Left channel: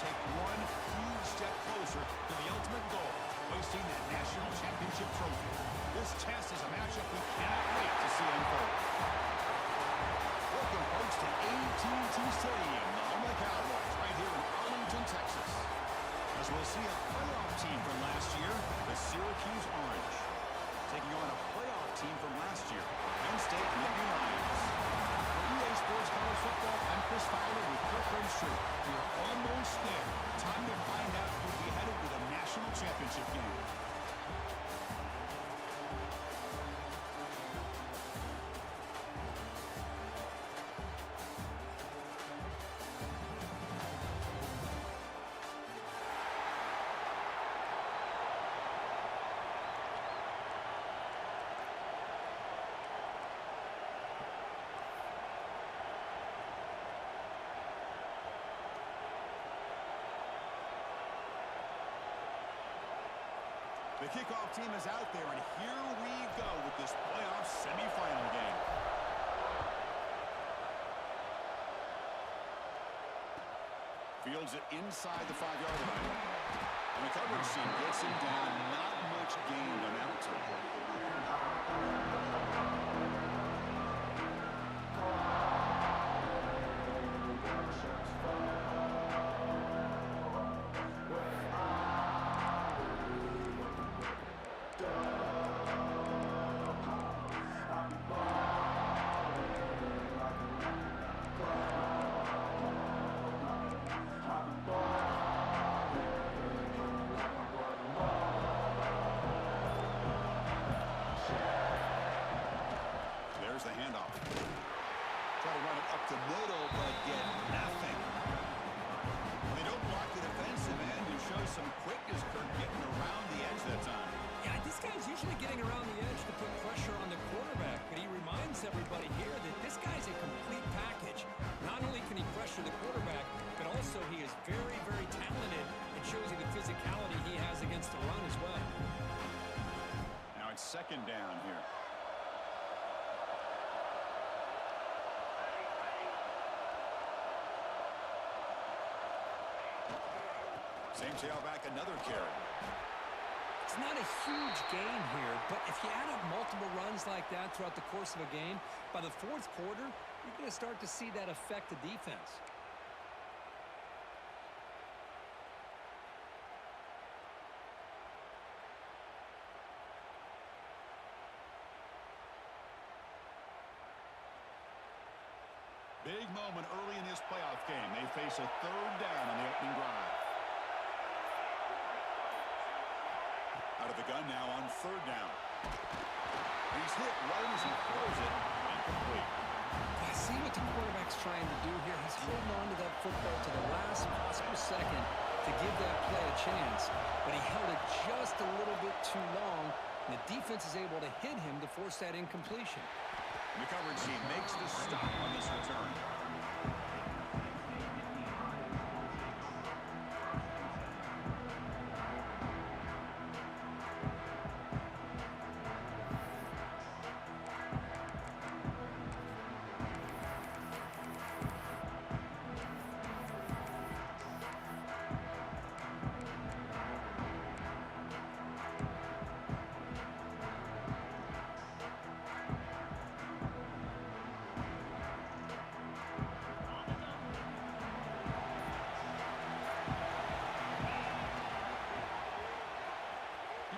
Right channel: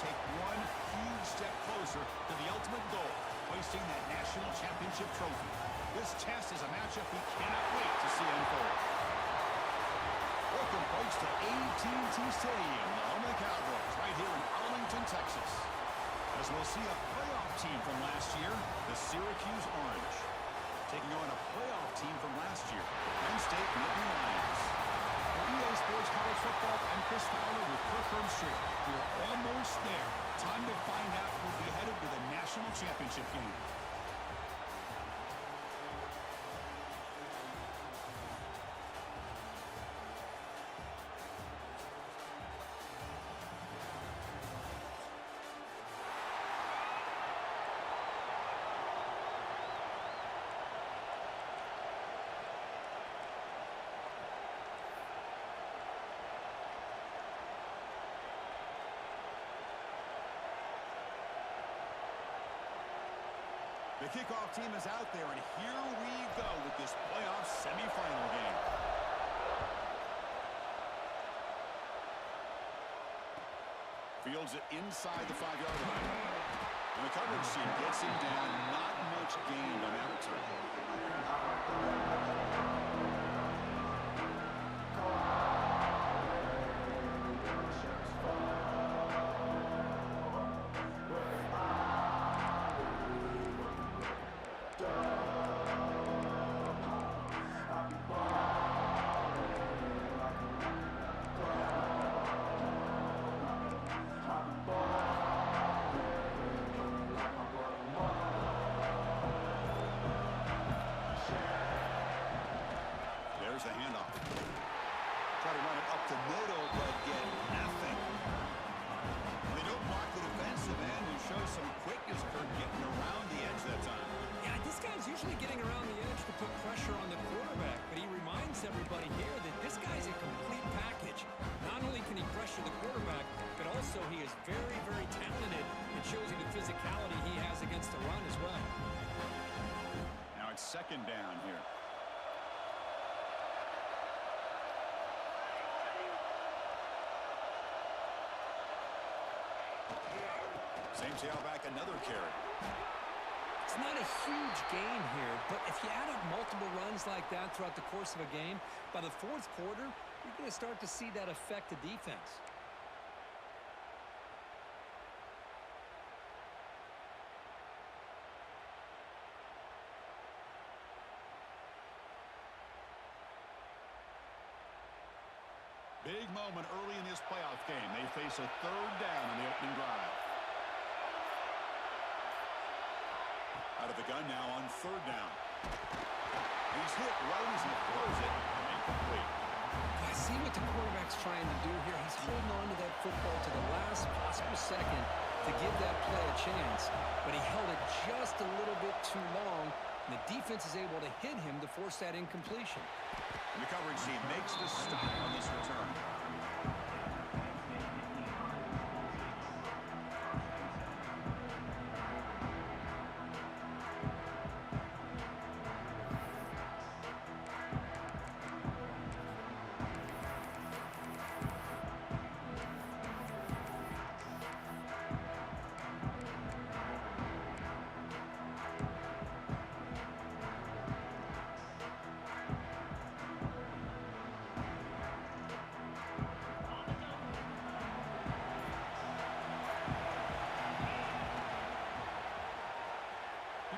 take one huge step closer to the ultimate goal, hoisting that national championship trophy. This test is a matchup we cannot wait to see unfold. Welcome, folks, to AT&T Stadium, the home of the Cowboys, right here in Arlington, Texas. As we'll see a playoff team from last year, the Syracuse Orange, taking on a playoff team from last year, the Penn State Nittany Lions. For EA Sports College Football, I'm Chris Fowler with Kirk Herbstreit. We are almost there. Time to find out who'll be headed to the national championship game. The kickoff team is out there, and here we go with this playoff semifinal game. Fields it inside the 5-yard line. And the coverage team gets him down. Not much gained on that return. There's the handoff. Try to run it up the middle, but get nothing. Well, they don't block the defensive end and show some quickness, Kirk, getting around the edge that time. Yeah, this guy's usually getting around the edge to put pressure on the quarterback, but he reminds everybody here that this guy's a complete package. Not only can he pressure the quarterback, but also he is very, very talented and shows you the physicality he has against the run as well. Now it's second down here. Same tailback, another carry. It's not a huge gain here, but if you add up multiple runs like that throughout the course of a game, by the fourth quarter, you're going to start to see that affect the defense. Big moment early in this playoff game. They face a third down on the opening drive. Out of the gun now on third down. He's hit right as he throws it. Incomplete. I see what the quarterback's trying to do here. He's holding on to that football to the last possible second to give that play a chance. But he held it just a little bit too long, and the defense is able to hit him to force that incompletion. And the coverage team makes the stop on this return.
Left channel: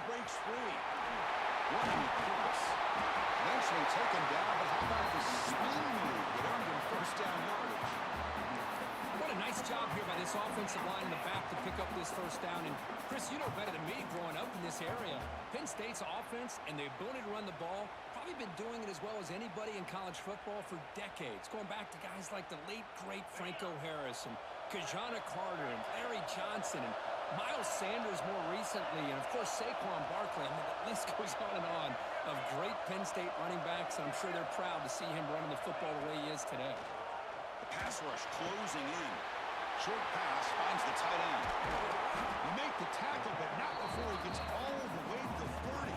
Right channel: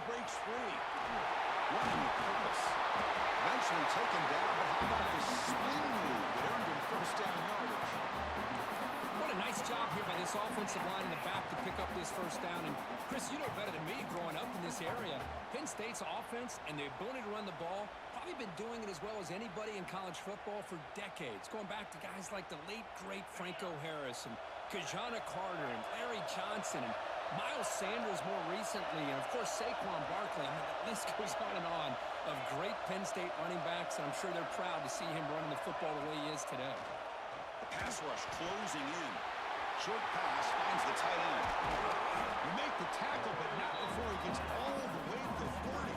Breaks free. Running with purpose. Eventually taken down, but how about the swing move that earned him first down yardage? What a nice job here by this offensive line in the back to pick up this first down. And Chris, you know better than me growing up in this area. Penn State's offense and the ability to run the ball, probably been doing it as well as anybody in college football for decades. Going back to guys like the late, great Franco Harris and Kajana Carter and Larry Johnson and Miles Sanders more recently, and of course Saquon Barkley. I mean, the list goes on of great Penn State running backs, and I'm sure they're proud to see him running the football the way he is today. The pass rush closing in. Short pass finds the tight end. You make the tackle, but not before he gets all the way to the 30.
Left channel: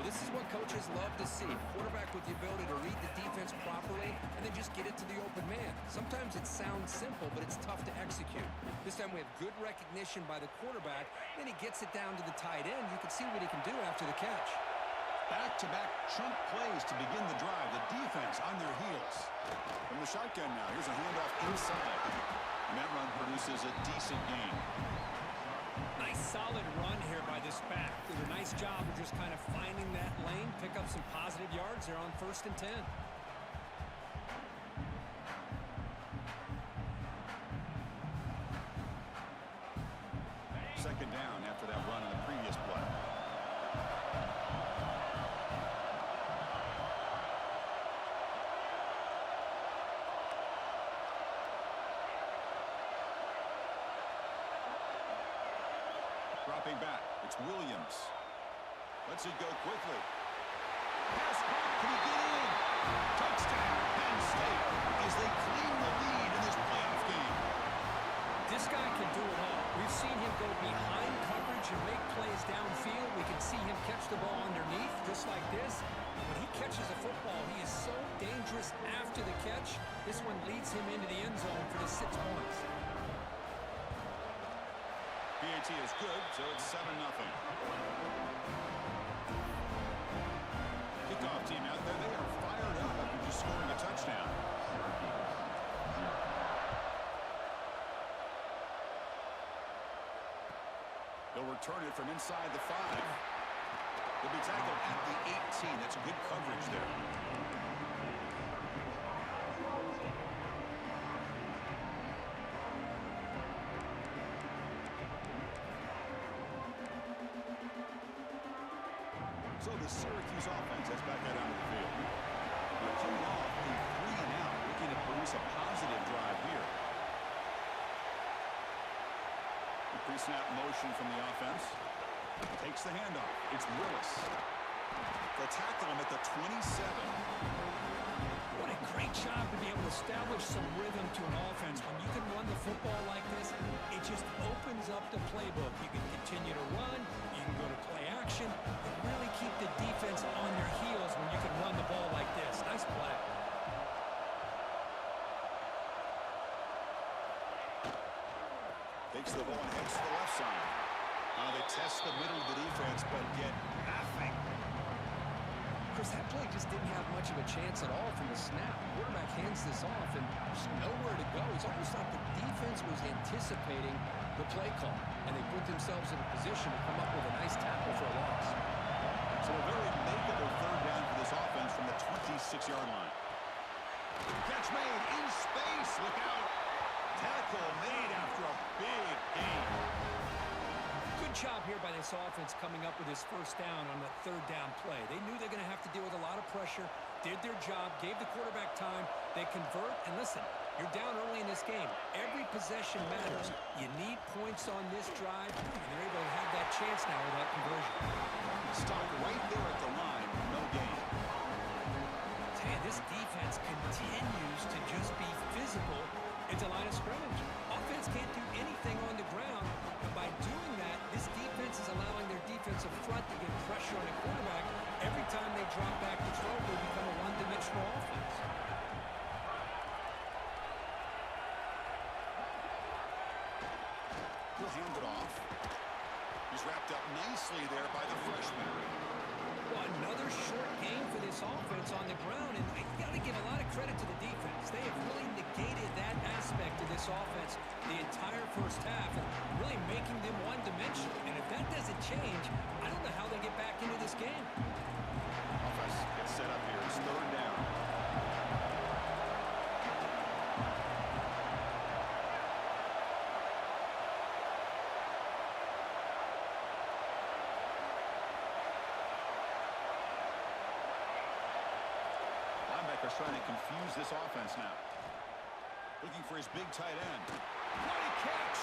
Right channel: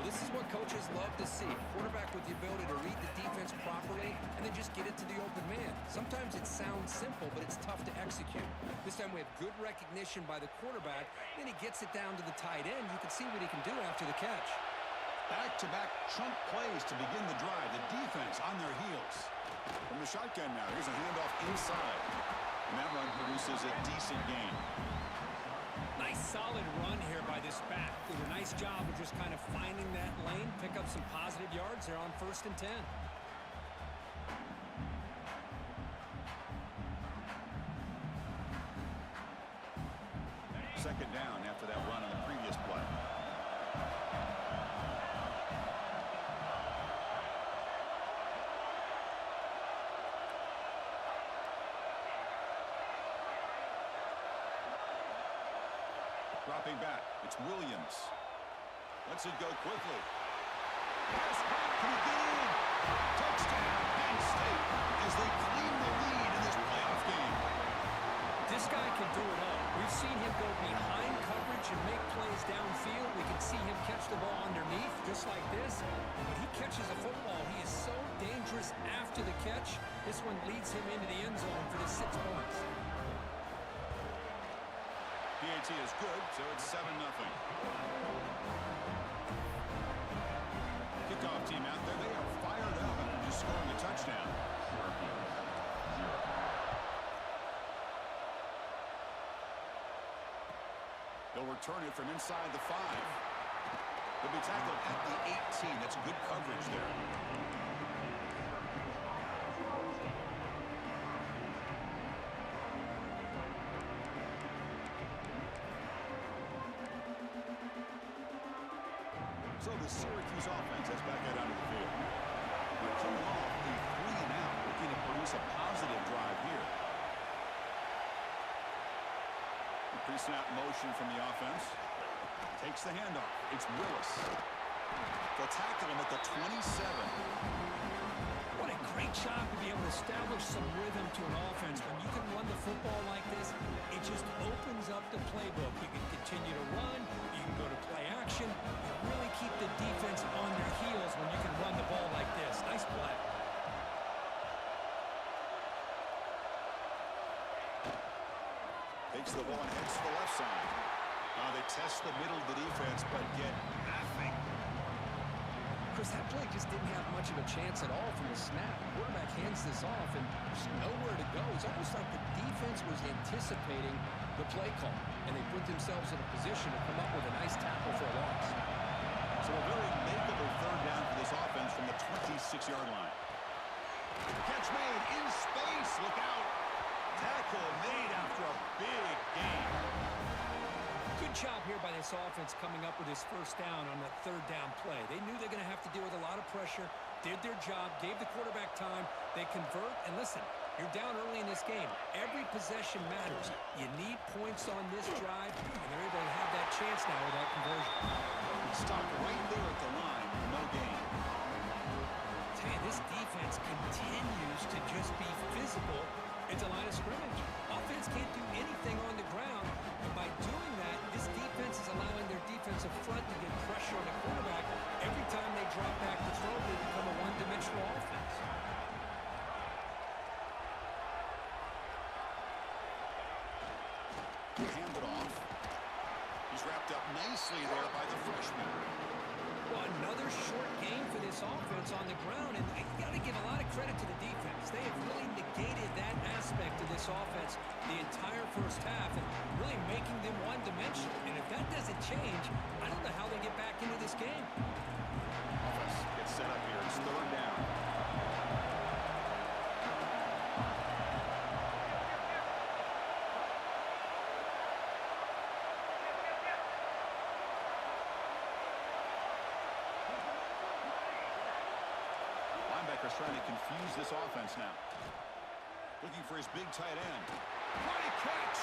Well, this is what coaches love to see. Quarterback with the ability to read the defense properly and then just get it to the open man. Sometimes it sounds simple, but it's tough to execute. This time we have good recognition by the quarterback. Then he gets it down to the tight end. You can see what he can do after the catch. Back-to-back chunk plays to begin the drive. The defense on their heels. From the shotgun now, here's a handoff inside. And that run produces a decent gain. Nice solid run here by this back. Did a nice job of just kind of finding that lane, pick up some positive yards there on 1st and 10. Second down after that run on the previous play. Dropping back, it's Williams. Lets it go quickly. Pass caught, can he get in? Touchdown, Penn State, as they claim the lead in this playoff game. This guy can do it all. We've seen him go behind coverage and make plays downfield. We can see him catch the ball underneath, just like this. And when he catches a football, he is so dangerous after the catch. This one leads him into the end zone for the 6 points. PAT is good, so it's 7-0. Kickoff team out there. They are fired up after just scoring a touchdown. They'll return it from inside the 5. They'll be tackled at the 18. That's good coverage there. So the Syracuse offense has back out onto the field. They're coming off a 3-and-out, looking to produce a positive drive here. The pre-snap motion from the offense. Takes the handoff. It's Willis. They'll tackle him at the 27. What a great job to be able to establish some rhythm to an offense. When you can run the football like this, it just opens up the playbook. You can continue to run. You can go to play action. You really keep the defense on their heels when you can run the ball like this. Nice play. Takes the ball and heads to the left side. They test the middle of the defense, but get nothing. Chris, that play just didn't have much of a chance at all from the snap. The quarterback hands this off, and there's nowhere to go. It's almost like the defense was anticipating the play call, and they put themselves in a position to come up with a nice tackle for a loss. So a very makeable third down for this offense from the 26-yard line. Catch made in space. Look out. Tackle made after a big gain. Good job here by this offense coming up with his first down on that third down play. They knew they're going to have to deal with a lot of pressure, did their job, gave the quarterback time. They convert, and listen, you're down early in this game. Every possession matters. You need points on this drive, and they're able to have that chance now with that conversion. Stopped right there at the line, no gain. Man, this defense continues to just be physical at the line of scrimmage. Offense can't do anything on the ground, and by doing that, this defense is allowing their defensive front to get pressure on the quarterback. Every time they drop back to throw, they become a one-dimensional offense. He'll hand it off. He's wrapped up nicely there by the freshman. Well, another short game for this offense on the ground, and you got to give a lot of credit to the defense. They have really negated that aspect of this offense the entire first half and really making them one-dimensional. And if that doesn't change, I don't know how they get back into this game. Offense gets set up here. It's third down. Linebacker's trying to confuse this offense now. Looking for his big tight end. What a catch!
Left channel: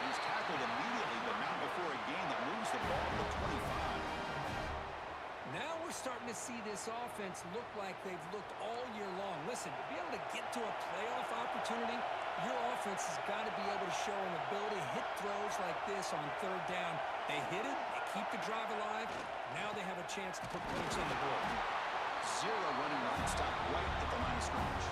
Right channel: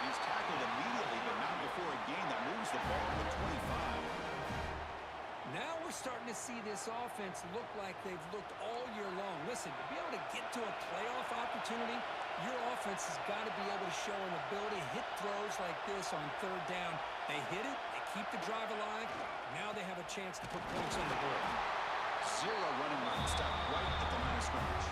He's tackled immediately, but not before a gain that moves the ball to the 25. Now we're starting to see this offense look like they've looked all year long. Listen, to be able to get to a playoff opportunity, your offense has got to be able to show an ability to hit throws like this on third down. They hit it, they keep the drive alive. Now they have a chance to put points on the board. Zero running room. Stop right at the line of scrimmage.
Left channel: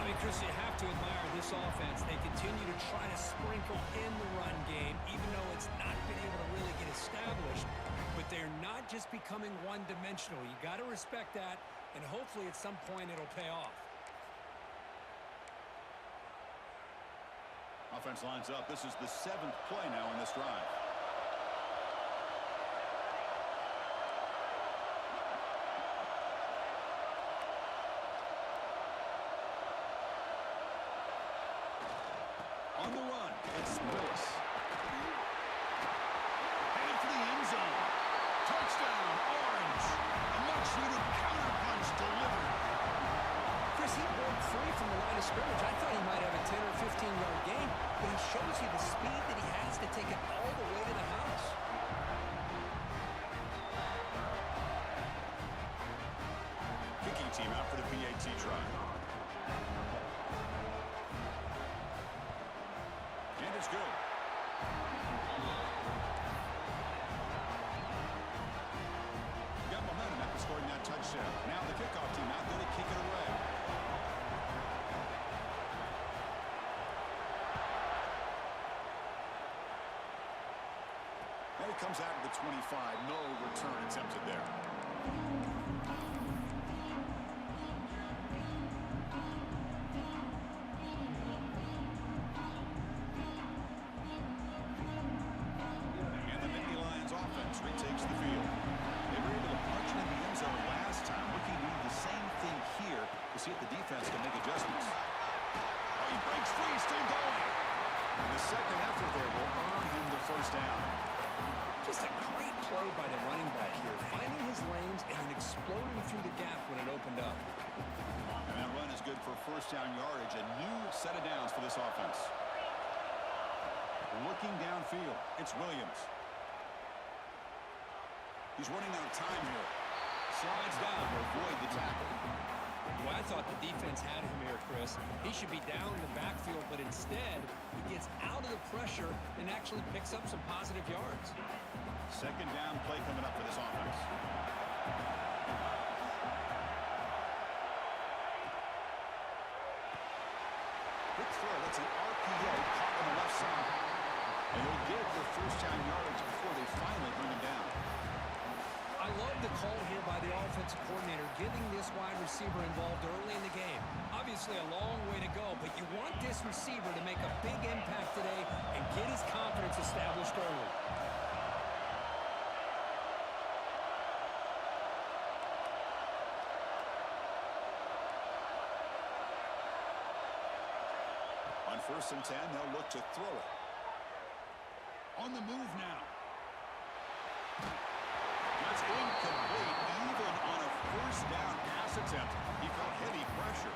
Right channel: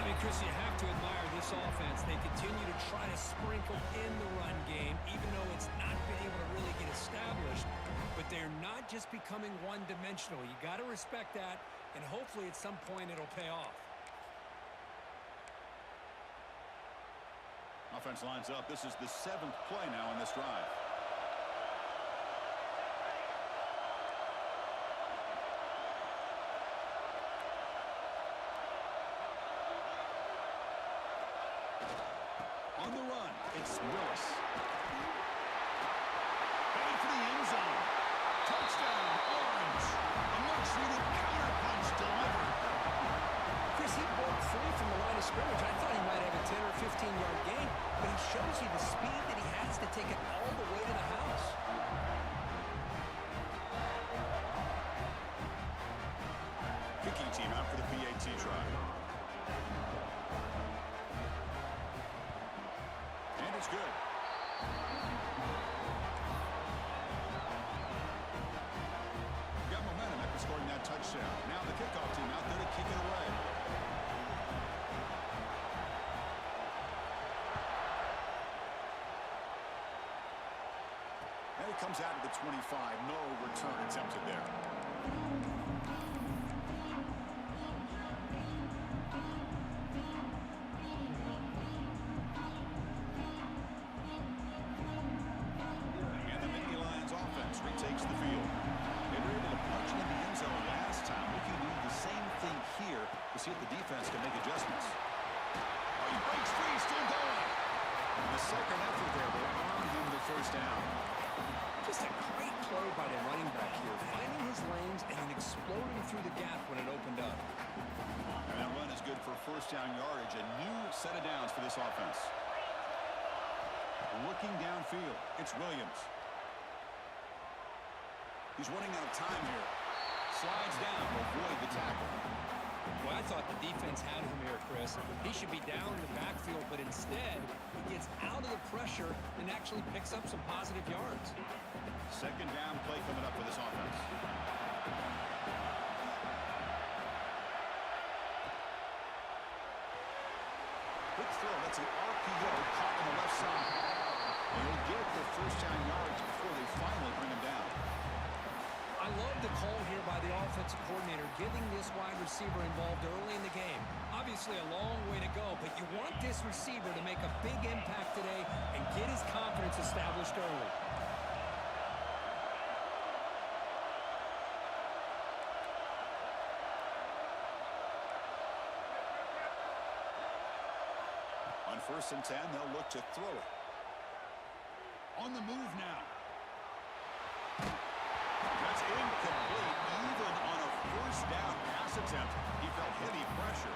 I mean, Chris, you have to admire this offense. They continue to try to sprinkle in the run game, even though it's not been able to really get established. But they're not just becoming one-dimensional. You got to respect that, and hopefully at some point it'll pay off. Offense lines up. This is the 7th play now in this drive. On the run, it's Willis. Headed for the end zone. Touchdown, Orange. A much-needed counterpunch delivered. Chris, he broke free from the line of scrimmage. I thought he might have a 10 or 15-yard gain, but he shows you the speed that he has to take it all the way to the house. Kicking team out for the PAT try. And it's good. Got momentum after scoring that touchdown. Now the kickoff team out there to kick it away. And it comes out of the 25. No return attempted there. Retakes the field. They were able to punch it in the end zone last time. Looking to do the same thing here to see if the defense can make adjustments. Oh, he breaks free, still going. And the second effort there will earn him the first down. Just a great play by the running back here, finding his lanes and then exploding through the gap when it opened up. And that run is good for first down yardage. A new set of downs for this offense. Looking downfield, it's Williams. He's running out of time here. Slides down to avoid the tackle. Well, I thought the defense had him here, Chris. He should be down in the backfield, but instead, he gets out of the pressure and actually picks up some positive yards. Second down play coming up for this offense. Quick throw. That's an RPO caught on the left side. And he'll get the first down yardage before they finally bring him down. I love the call here by the offensive coordinator, getting this wide receiver involved early in the game. Obviously a long way to go, but you want this receiver to make a big impact today and get his confidence established early. On 1st and 10, they'll look to throw it. On the move now. That's incomplete. Even on a first down pass attempt, he felt heavy pressure.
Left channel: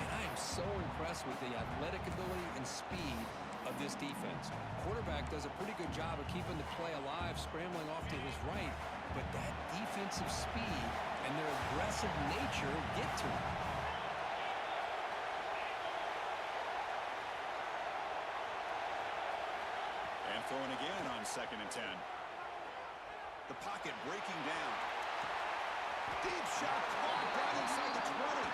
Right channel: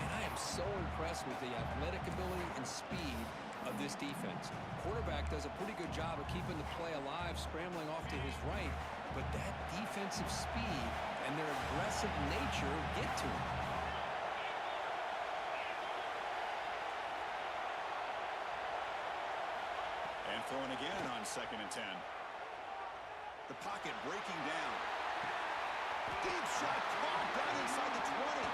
And I am so impressed with the athletic ability and speed of this defense. Quarterback does a pretty good job of keeping the play alive, scrambling off to his right, but that defensive speed and their aggressive nature get to him. And throwing again on 2nd and 10. The pocket breaking down. Deep shot caught right inside the 20.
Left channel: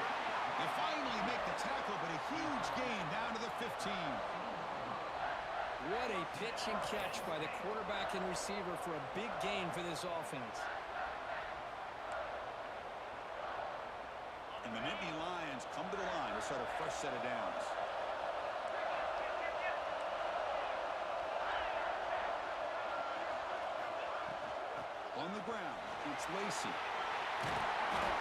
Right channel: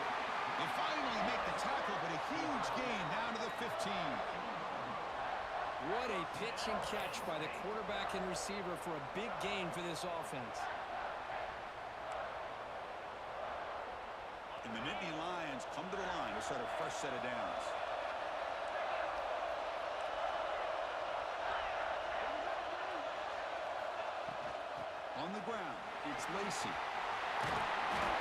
They finally make the tackle, but a huge gain down to the 15. What a pitch and catch by the quarterback and receiver for a big gain for this offense. And the Nittany Lions come to the line to start a fresh set of downs. On the ground, it's Lacey.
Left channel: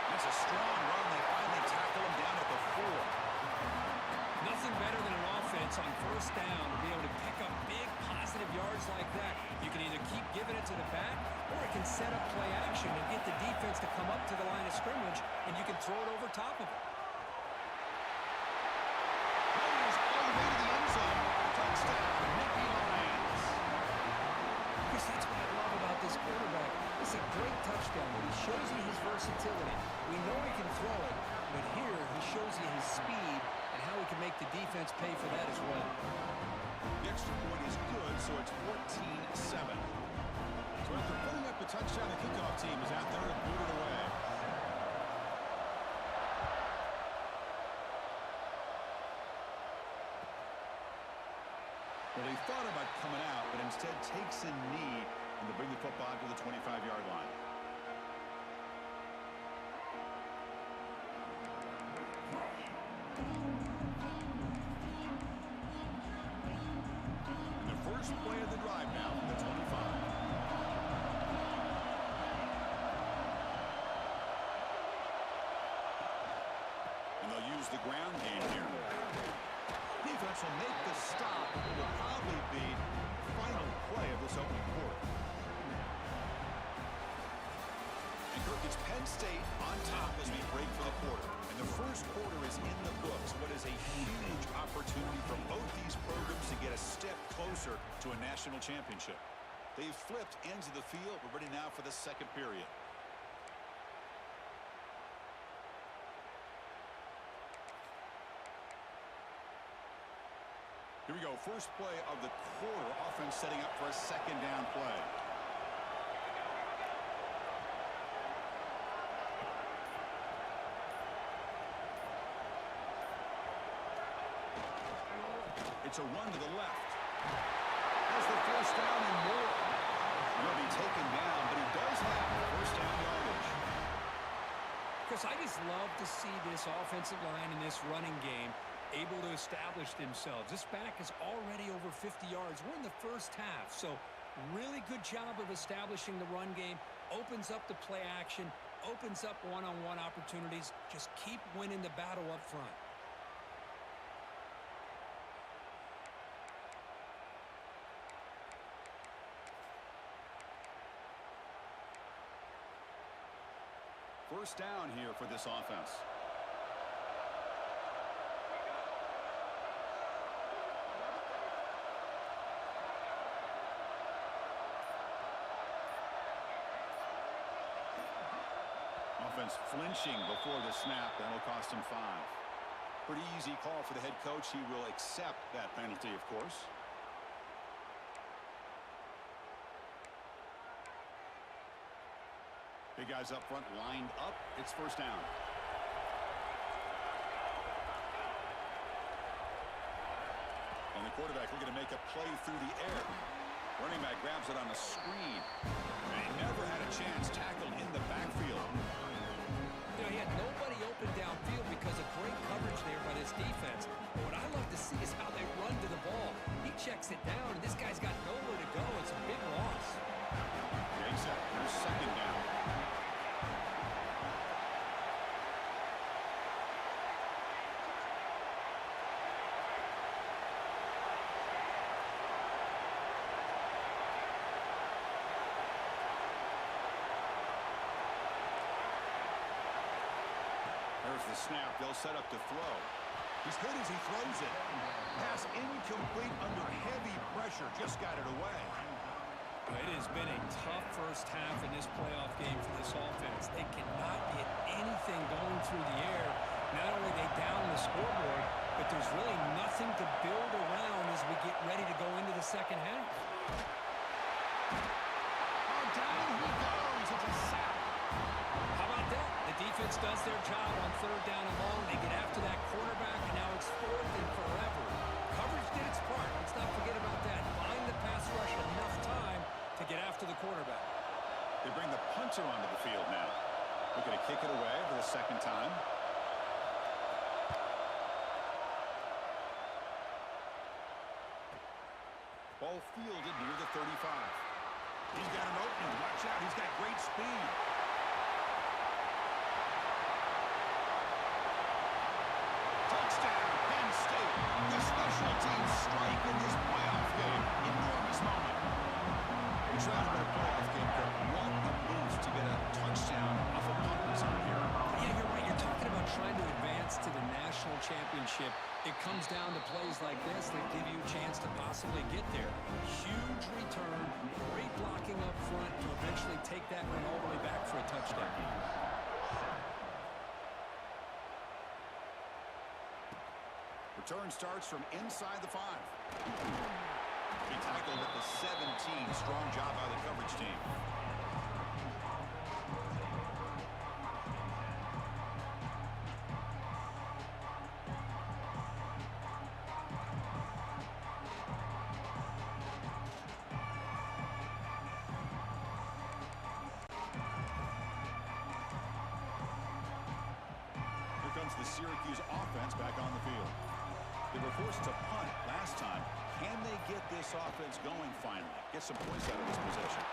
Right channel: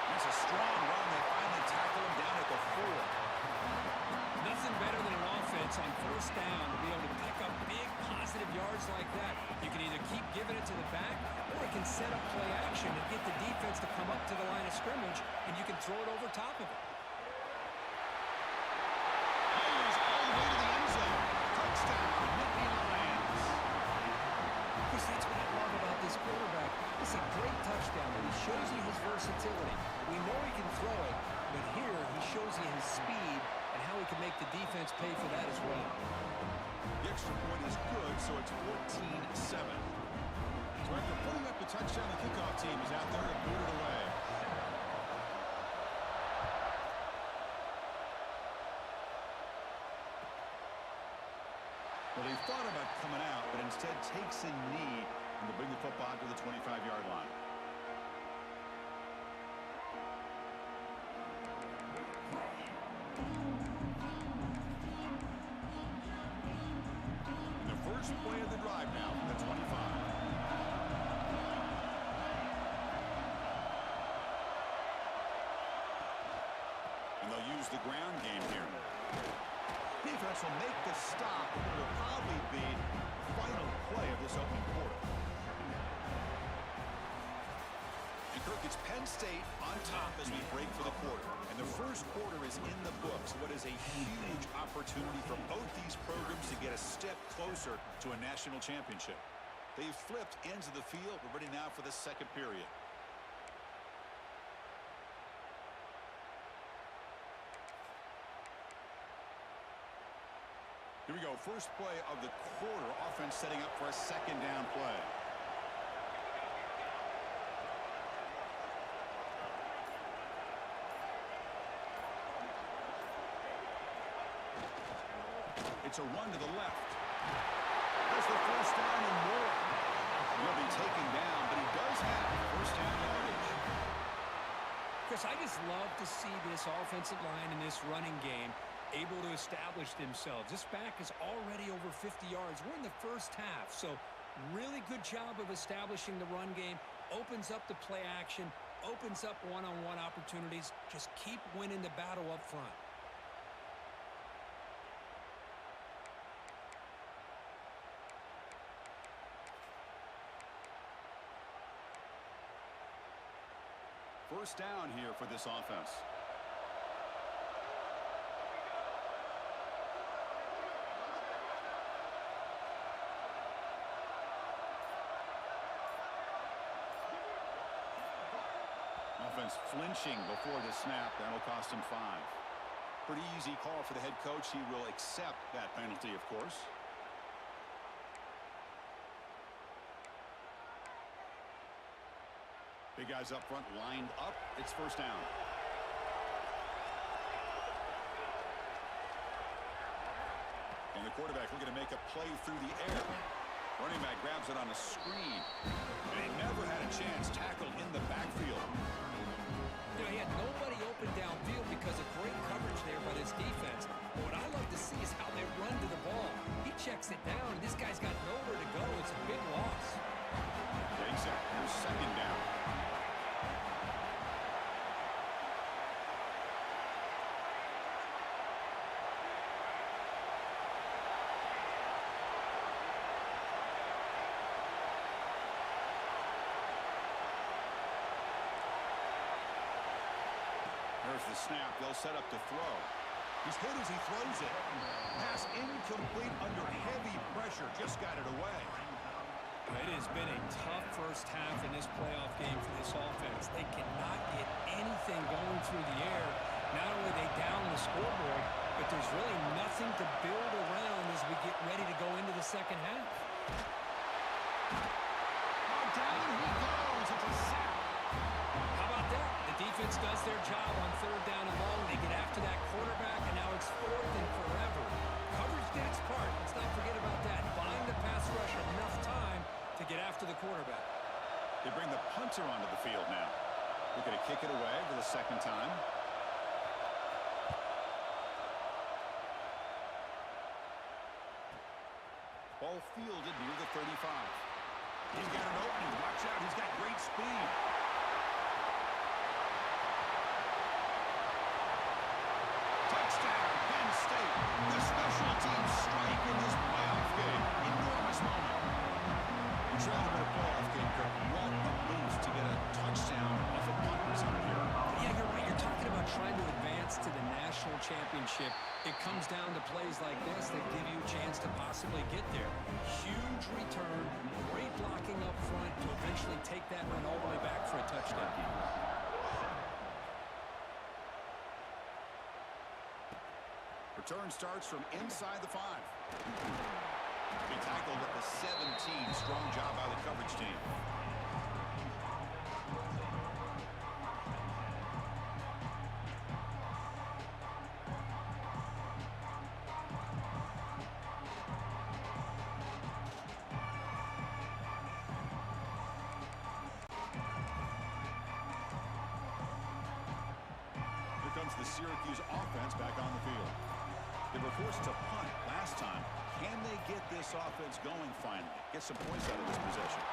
That's a strong run. They finally tackle him down at the 4. Nothing better than an offense on 1st down to be able to pick up big positive yards like that. You can either keep giving it to the back, or it can set up play action and get the defense to come up to the line of scrimmage, and you can throw it over top of it. Hires all the way to the end zone. Touchdown, Nittany Lions. Chris, that's what I love about this quarterback. It's a great touchdown, but he shows you his versatility. We know he can throw it, but here he shows you his speed and how he can make the defense pay for that as well. The extra point is good, so it's 14-7. So after putting up the touchdown, the kickoff team is out there to boot it away. Well, he thought about coming out, but instead takes a knee, and they'll bring the football to the 25-yard line. And the first play of the drive now from the 25. And they'll use the ground game here. Defense will make the stop, but it will probably be the final play of this opening quarter. And Kirk, it's Penn State on top as we break for the quarter. And the first quarter is in the books. What is a huge opportunity for both these programs to get a step closer to a national championship. They've flipped ends of the field. We're ready now for the second period. Here we go. First play of the quarter. Offense setting up for a second down play. It's a run to the left. Has the first down and more. He'll be taken down, but he does have first down yardage. Chris, I just love to see this offensive line in this running game able to establish themselves. This back is already over 50 yards. We're in the first half, so really good job of establishing the run game. Opens up the play action, opens up one-on-one opportunities. Just keep winning the battle up front. First down here for this offense. Offense flinching before the snap. That'll cost him 5. Pretty easy call for the head coach. He will accept that penalty, of course. Big guys up front lined up. It's first down. And the quarterback looking to make a play through the air. Running back grabs it on a screen. And he never had a chance tackled in the backfield. You know, he had nobody open downfield because of great coverage there by this defense. But what I love to see is how they run to the ball. He checks it down, and this guy's got nowhere to go. It's a big loss. Getting set. Here's second down. There's the snap. They'll set up to throw. He's hit as he throws it. Pass incomplete under heavy pressure. Just got it away. It has been a tough first half in this playoff game for this offense. They cannot get anything going through the air. Not only they down the scoreboard, but there's really nothing to build around as we get ready to go into the second half. Oh, down he goes. It's a sack. How about that? The defense does their job on third down and long. They get after that quarterback, and now it's fourth and forever. Coverage did its part. Let's not forget about that. Buying the pass rush enough time to get after the quarterback. They bring the punter onto the field now. Looking to kick it away for the second time. Ball fielded near the 35. He's got an opening. Watch out. He's got great speed. Touchdown, Penn State. The special teams strike in this playoff game. Enormous moment. You're trying to win a playoff game, Kirk. What a boost to get a touchdown off a punt return here. Yeah, you're right. You're talking about trying to advance to the national championship. It comes down to plays like this that give you a chance to possibly get there. Huge return, great blocking up front to eventually take that run all the way back for a touchdown. Return starts from inside the 5. He tackled at the 17. Strong job by the coverage team. The Syracuse offense back on the field. They were forced to punt last time. Can they get this offense going finally? Get some points out of this possession.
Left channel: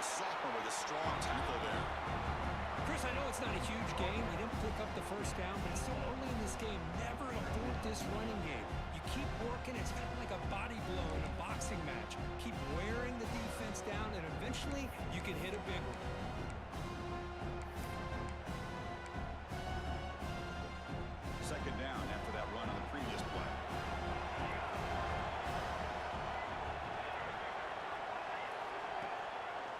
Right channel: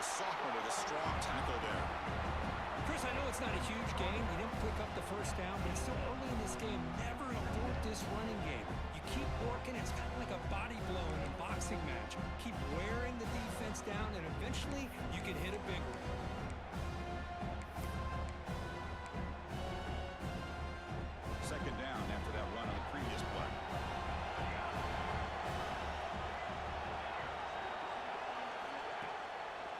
The sophomore with a strong tackle there. Chris, I know it's not a huge game. You didn't pick up the first down, but it's still early in this game. Never abort this running game. You keep working. It's kind of like a body blow in a boxing match. Keep wearing the defense down, and eventually you can hit a big one. Second down after that run on the previous play.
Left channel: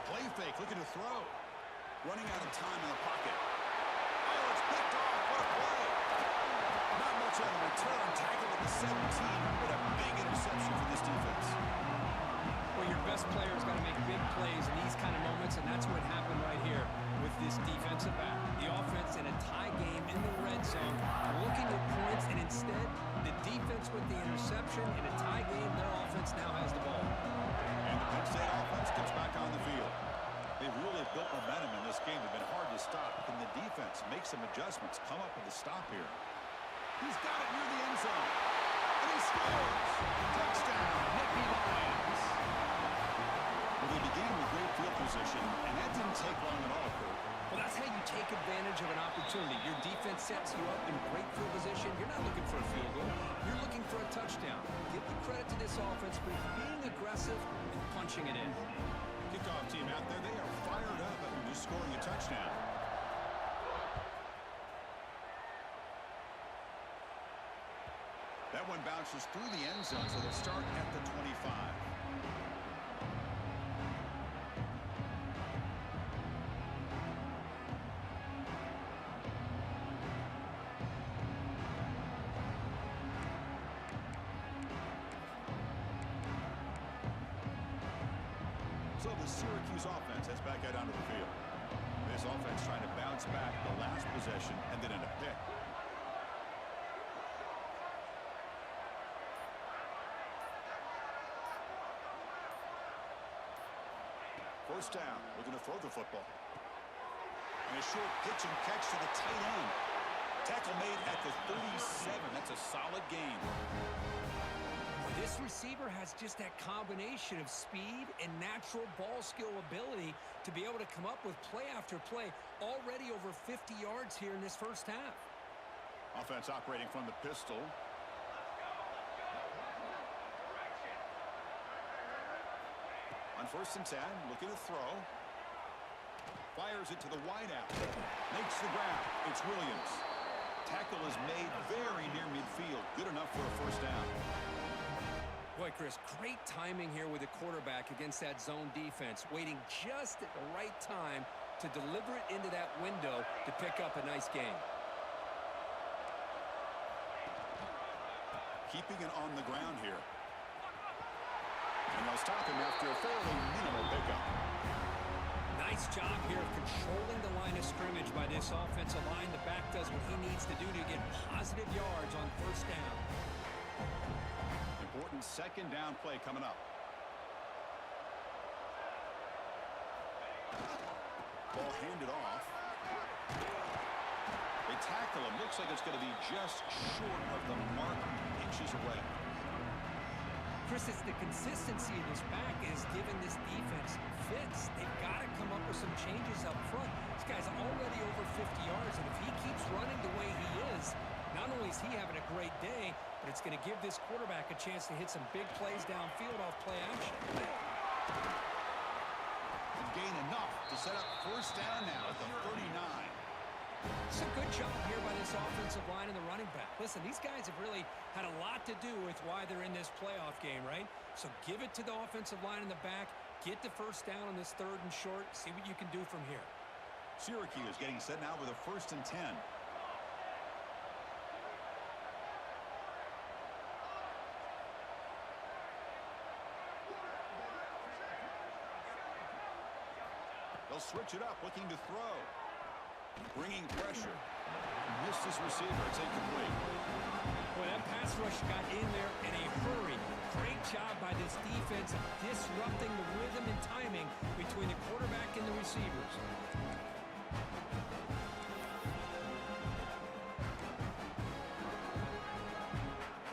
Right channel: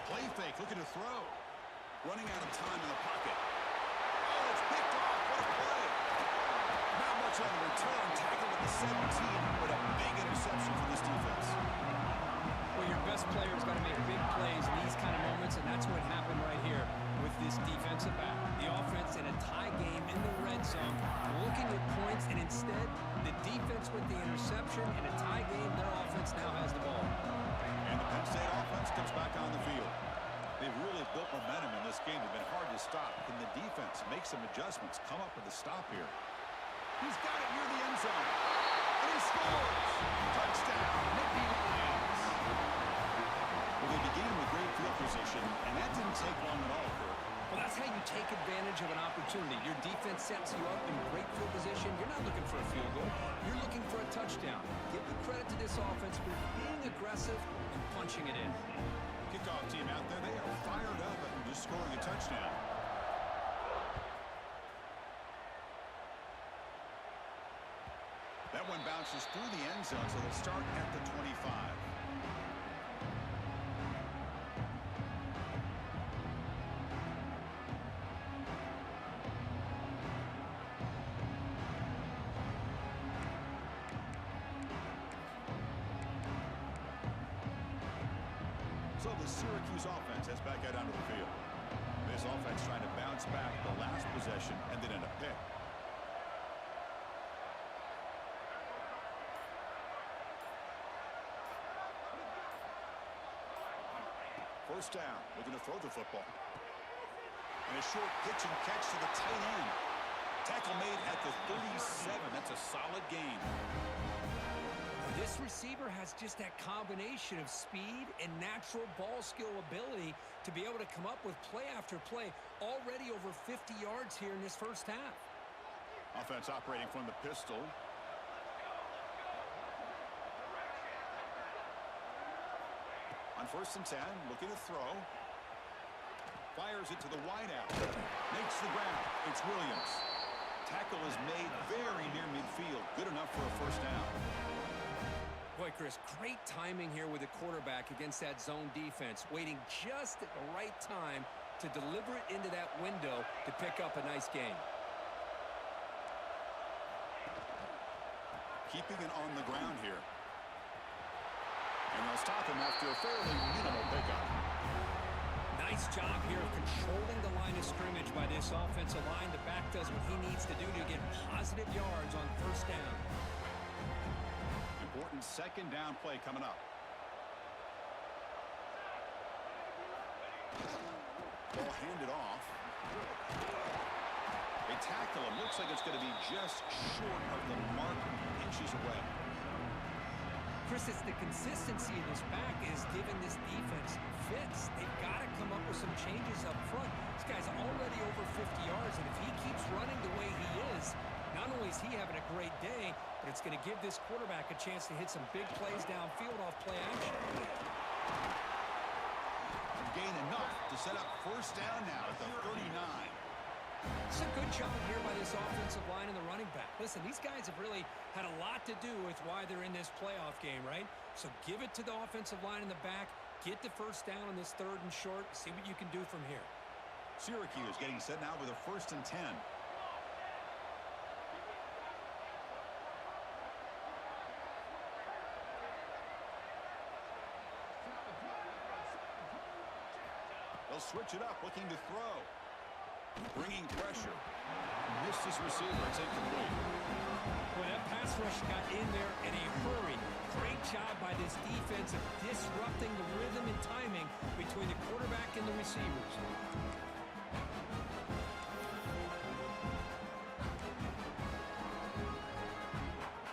Play fake, looking to throw. Running out of time in the pocket. Oh, it's picked off. What a play. Not much on the return. Tackled at the 17, but a big interception for this defense. Well, your best player's got to make big plays in these kind of moments, and that's what happened right here with this defensive back. The offense in a tie game in the red zone, looking at points, and instead, the defense with the interception. In a tie game, their offense now has the ball. And the Penn State offense comes back on the field. They've really built momentum in this game. They've been hard to stop. Can the defense make some adjustments, come up with a stop here? He's got it near the end zone. And he scores! Touchdown, Nittany Lions! Well, they began with great field position, and that didn't take long at all, Kurt. Well, that's how you take advantage of an opportunity. Your defense sets you up in great field position. You're not looking for a field goal. You're looking for a touchdown. Give the credit to this offense for being aggressive and punching it in. Kickoff team out there, they are fired up after just scoring a touchdown. That one bounces through the end zone, so they'll start at the 25. So the Syracuse offense heads back out onto the field. This offense trying to bounce back the last possession and then end a pick. First down, looking to throw the football. And a short pitch and catch to the tight end. Tackle made at the 37. That's a solid gain. This receiver has just that combination of speed and natural ball skill ability to be able to come up with play after play. Already over 50 yards here in this first half. Offense operating from the pistol. On first and 10, looking to throw. Fires it to the wideout. Makes the grab. It's Williams. Tackle is made very near midfield. Good enough for a first down. Boy, Chris, great timing here with the quarterback against that zone defense. Waiting just at the right time to deliver it into that window to pick up a nice gain. Keeping it on the ground here. And they'll stop him after a fairly minimal pickup. Nice job here of controlling the line of scrimmage by this offensive line. The back does what he needs to do to get positive yards on first down. Important second down play coming up. Ball handed off. They tackle him. Looks like it's going to be just short of the mark, inches away. Chris, it's the consistency of this back is giving this defense fits. They've got to come up with some changes up front. This guy's already over 50 yards, and if he keeps running the way he is, not only is he having a great day, but it's going to give this quarterback a chance to hit some big plays downfield off play action. And gain enough to set up first down now at the 39. It's a good job here by this offensive line and the running back. Listen, these guys have really had a lot to do with why they're in this playoff game, right? So give it to the offensive line in the back. Get the first down on this third and short. See what you can do from here. Syracuse getting set now with a first and 10. They'll switch it up, looking to throw. Bringing pressure. Missed his receiver. It's incomplete. Boy, that pass rush got in there in a hurry. Great job by this defense of disrupting the rhythm and timing between the quarterback and the receivers.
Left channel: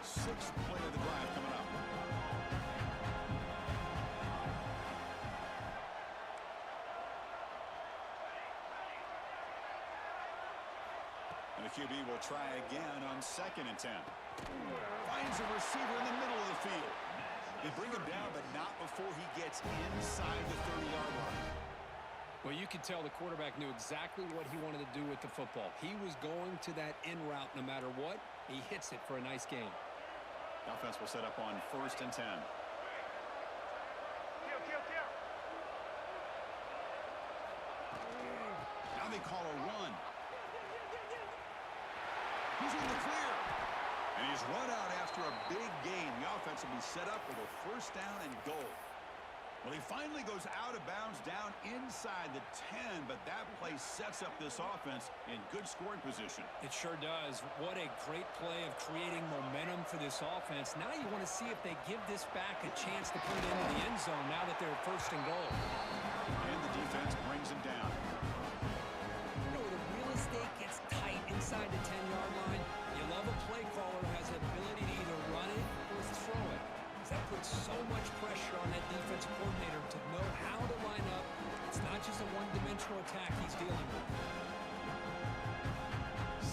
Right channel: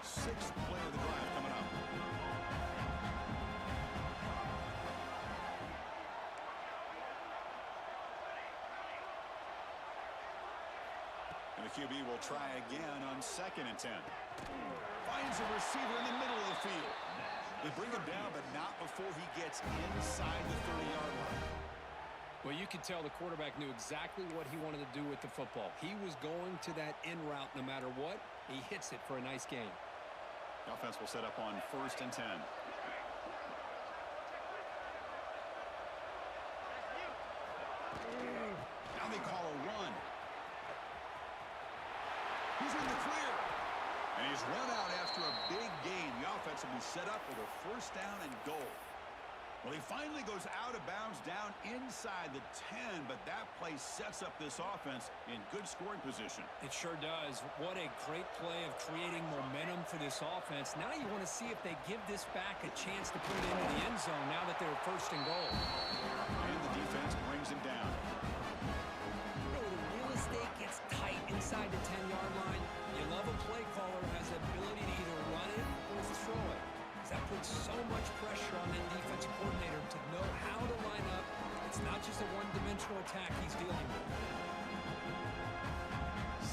Sixth play of the drive coming up. And the QB will try again on 2nd and 10. Finds a receiver in the middle of the field. They bring him down, but not before he gets inside the 30-yard line. Well, you could tell the quarterback knew exactly what he wanted to do with the football. He was going to that in route no matter what. He hits it for a nice gain. The offense will set up on 1st and 10. Now they call a run. He's in the clear. And he's run out after a big gain. The offense will be set up with a 1st down and goal. Well, he finally goes out of bounds down inside the 10, but that play sets up this offense in good scoring position. It sure does. What a great play of creating momentum for this offense. Now you want to see if they give this back a chance to put it into the end zone now that they're 1st and goal. And the defense brings him down. You know, the real estate gets tight inside the 10-yard line. You love a play caller who has the ability to either run it or throw it. That puts so much pressure on that defensive coordinator to know how to line up. It's not just a one-dimensional attack he's dealing with.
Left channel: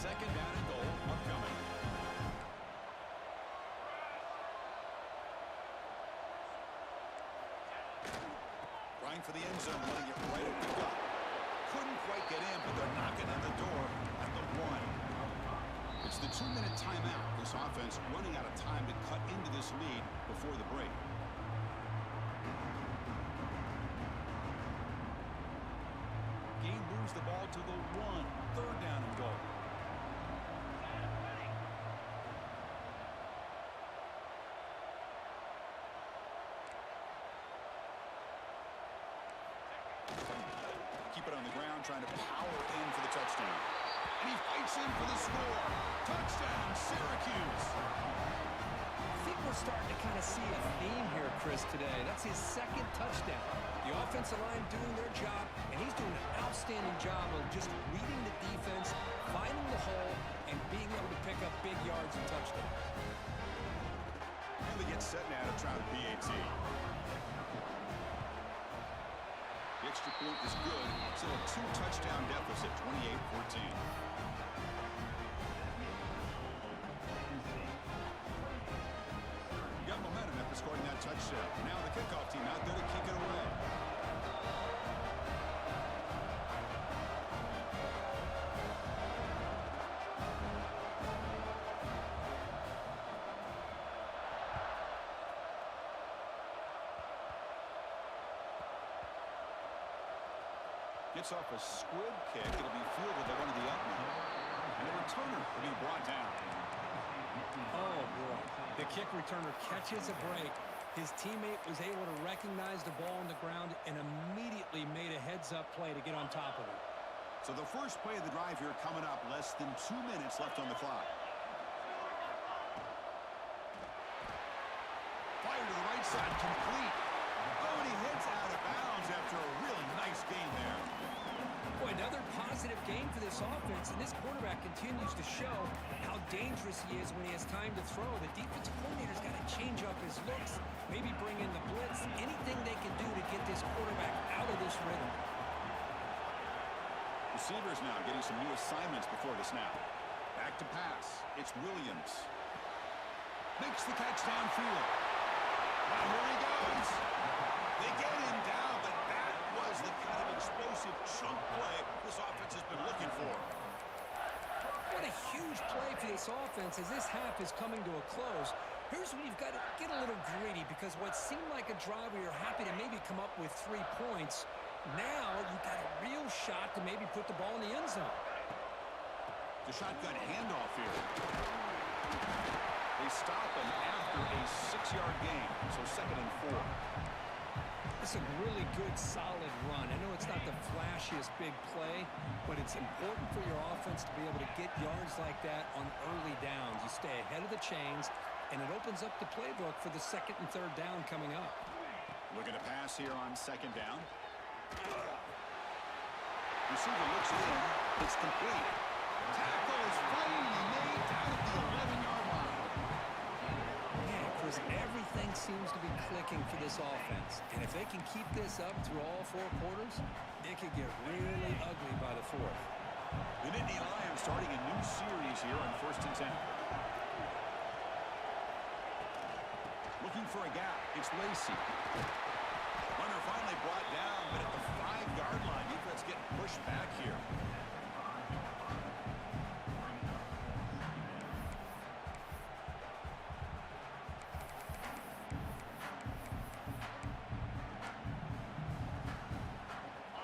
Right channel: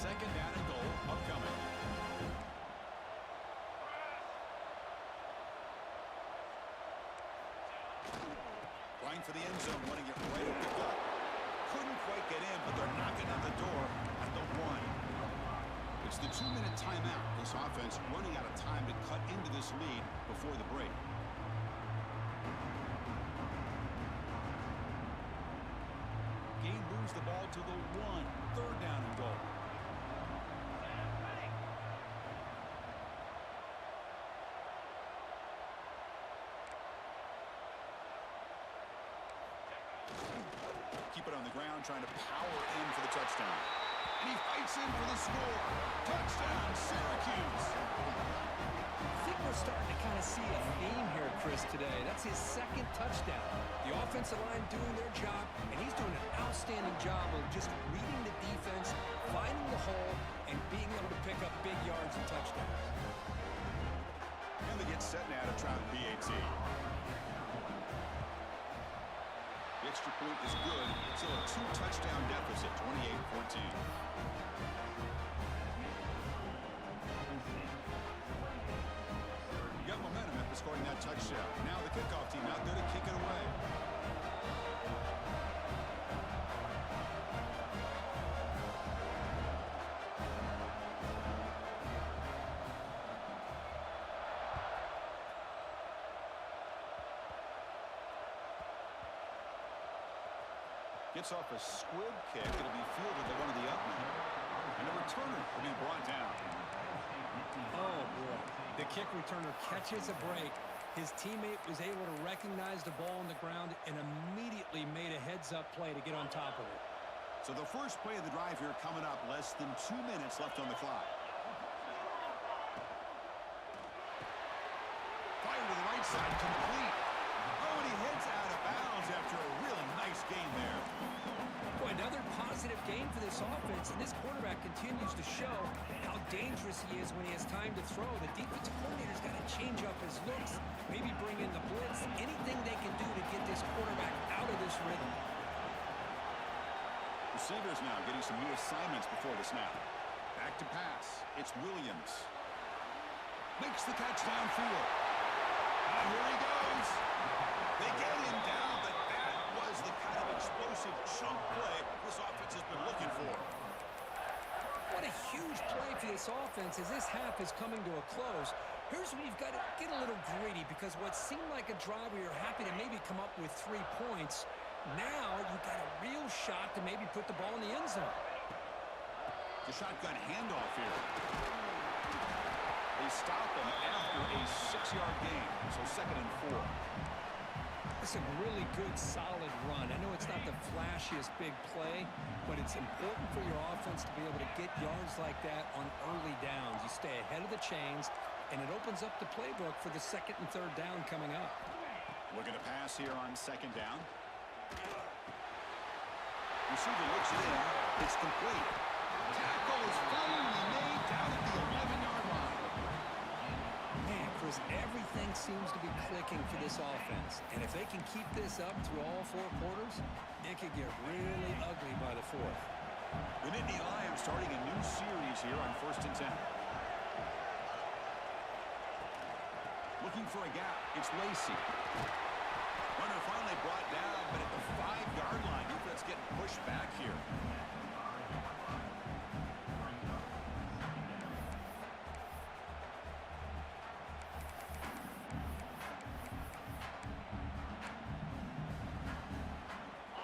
2nd down and goal upcoming. Trying for the end zone, running it right at the gut. Couldn't quite get in, but they're knocking on the door at the 1. It's the 2-minute timeout. This offense running out of time to cut into this lead before the break. Gain moves the ball to the 1. 3rd down and goal. Keep it on the ground, trying to power in for the touchdown. And he fights in for the score. Touchdown, Syracuse. I think we're starting to kind of see a theme here, Chris, today. That's his 2nd touchdown. The offensive line doing their job, and he's doing an outstanding job of just reading the defense, finding the hole, and being able to pick up big yards and touchdowns. And they get set now to try the PAT. The extra point is good. Still a 2-touchdown deficit, 28-14. Got momentum after scoring that touchdown. Now the kickoff team out there to kick it away. Gets off a squib kick. It'll be fielded by one of the up men. And the returner will be brought down. Oh, boy. The kick returner catches a break. His teammate was able to recognize the ball on the ground and immediately made a heads-up play to get on top of it. So the first play of the drive here coming up. Less than 2 minutes left on the clock. Fire to the right side, complete. Oh, and he heads out of bounds after a really nice game there. Boy, another positive game for this offense, and this quarterback continues to show how dangerous he is when he has time to throw. The defensive coordinator's got to change up his looks, maybe bring in the blitz, anything they can do to get this quarterback out of this rhythm. Receivers now getting some new assignments before the snap. Back to pass. It's Williams. Makes the catch downfield. Here he goes. They get him down, but that was the kind of explosive chunk play this offense has been looking for. What a huge play for this offense as this half is coming to a close. Here's where you've got to get a little greedy, because what seemed like a drive where you're happy to maybe come up with 3 points, now you've got a real shot to maybe put the ball in the end zone. The shotgun handoff here. They stop him after a 6-yard gain, so 2nd and 4. It's a really good, solid run. I know it's not the flashiest big play, but it's important for your offense to be able to get yards like that on early downs. You stay ahead of the chains, and it opens up the playbook for the second and third down coming up. Looking to pass here on second down. Receiver looks it in. It's complete. Tackle is finally made down at the 11-yard line. Man, Chris, everything seems to be clicking for this offense. And if they can keep this up through all four quarters, it could get really ugly by the fourth. The Nittany Lions starting a new series here on 1st and 10. Looking for a gap. It's Lacey. Runner finally brought down, but at the 5-yard line, defense getting pushed back here.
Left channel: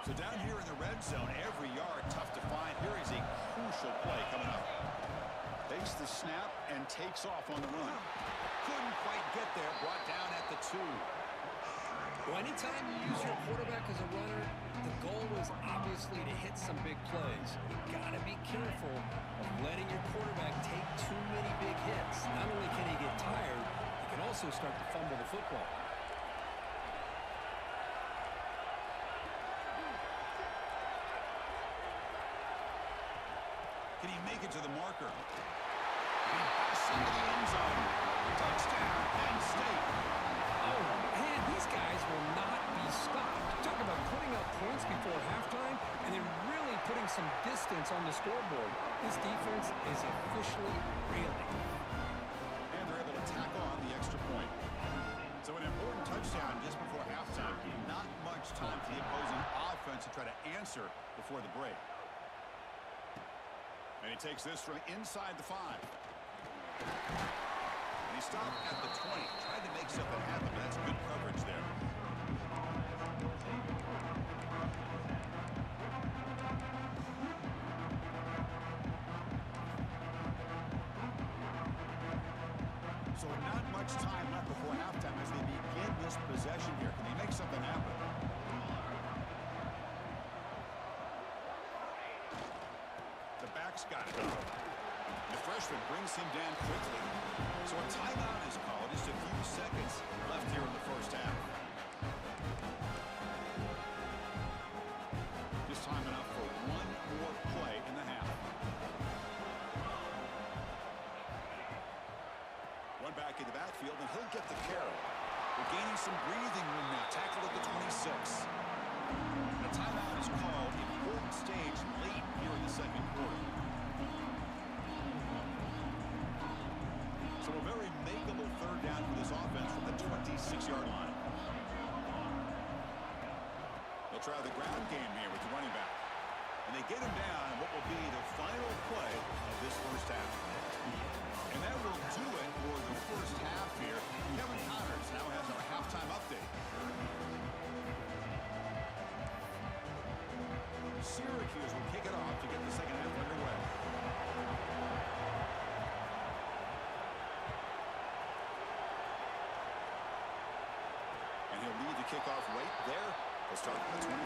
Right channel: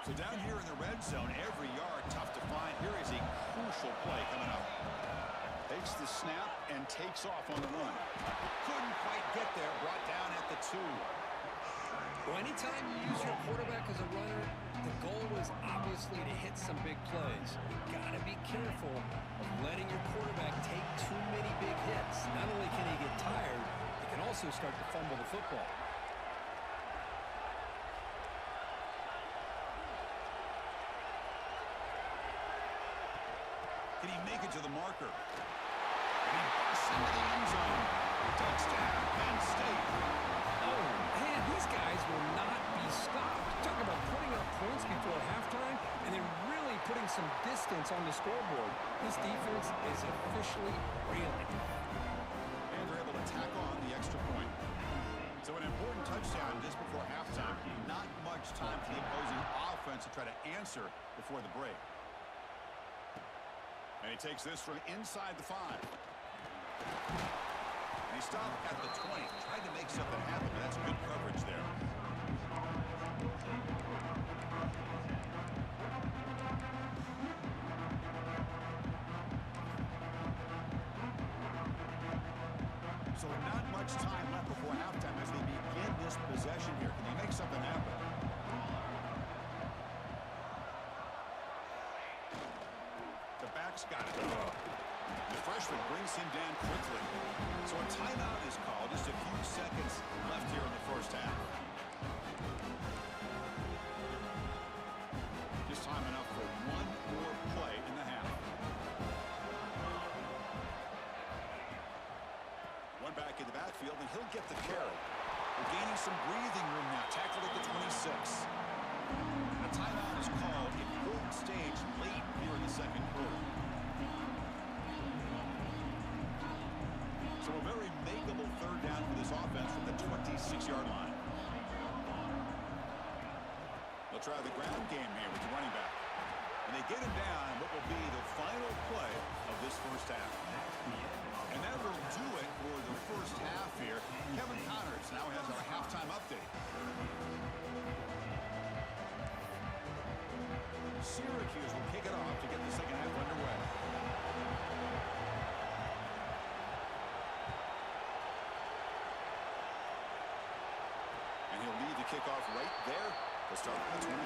So down here in the red zone, every yard tough to find. Here is a crucial play coming up. Takes the snap and takes off on the run. Couldn't quite get there, brought down at the 2. Well, anytime you use your quarterback as a runner, the goal is obviously to hit some big plays. You've got to be careful of letting your quarterback take too many big hits. Not only can he get tired, he can also start to fumble the football. Can he make it to the marker? And he busts into the end zone. Touchdown, Penn State. Oh, man, these guys will not be stopped. Talk about putting up points before halftime and then really putting some distance on the scoreboard. This defense is officially reeling. And they're able to tack on the extra point. So an important touchdown just before halftime. Not much time for the opposing offense to try to answer before the break. And he takes this from inside the 5. And he stopped at the 20. Tried to make something happen, but that's good coverage there. So not much time left before halftime as they begin this possession here. Can he make something happen? The back's got it. The freshman brings him down quickly. So a timeout is called. Just a few seconds left here in the first half. Just time enough for one more play in the half. One back in the backfield, and he'll get the carry. We're gaining some breathing room now. Tackled at the 26. A timeout is called. Important stage late here in the second quarter. So a very makeable third down for this offense from the 26-yard line. They'll try the ground game here with the running back. And they get him down in what will be the final play of this first half. And that will do it for the first half here. Kevin Connors now has our halftime update. Syracuse will kick it off to get the second half underway. And he'll lead the kickoff right there. He'll start at the 25.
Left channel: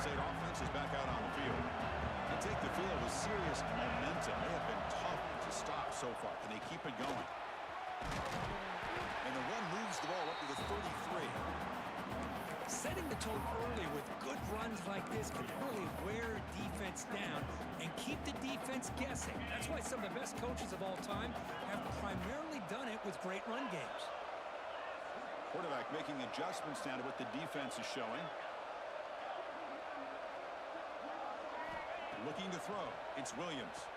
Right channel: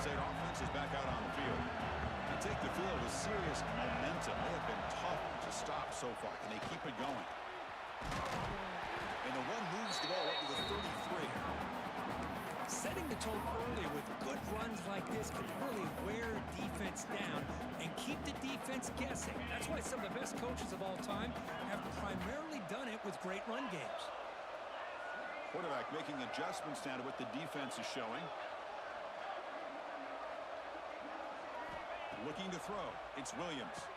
State offense is back out on the field. They take the field with serious momentum. They have been tough to stop so far. Can they keep it going? And the one moves the ball up to the 33. Setting the tone early with good runs like this can really wear defense down and keep the defense guessing. That's why some of the best coaches of all time have primarily done it with great run games. Quarterback making adjustments now to what the defense is showing. Looking to throw. It's Williams.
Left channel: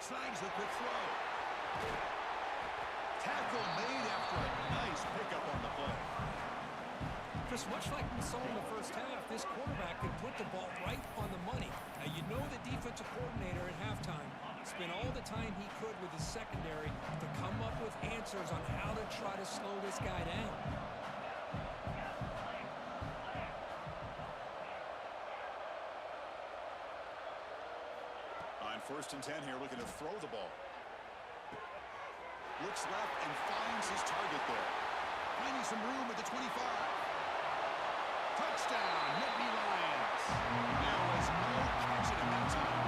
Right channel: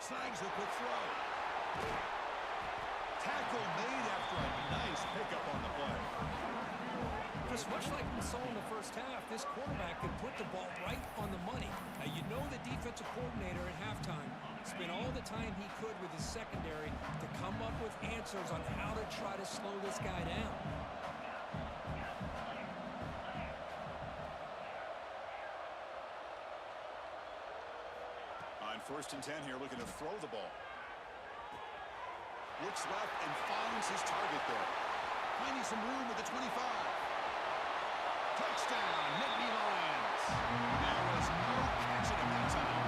Snags the quick throw. Tackle made after a nice pickup on the play. Just much like we saw in the first half, this quarterback can put the ball right on the money. Now, you know the defensive coordinator at halftime is spent all the time he could with his secondary to come up with answers on how to try to slow this guy down. On 1st and 10 here, looking to throw the ball. Looks left and finds his target there. Finding some room at the 25. Touchdown, Nittany Lions. There was no catching him that time.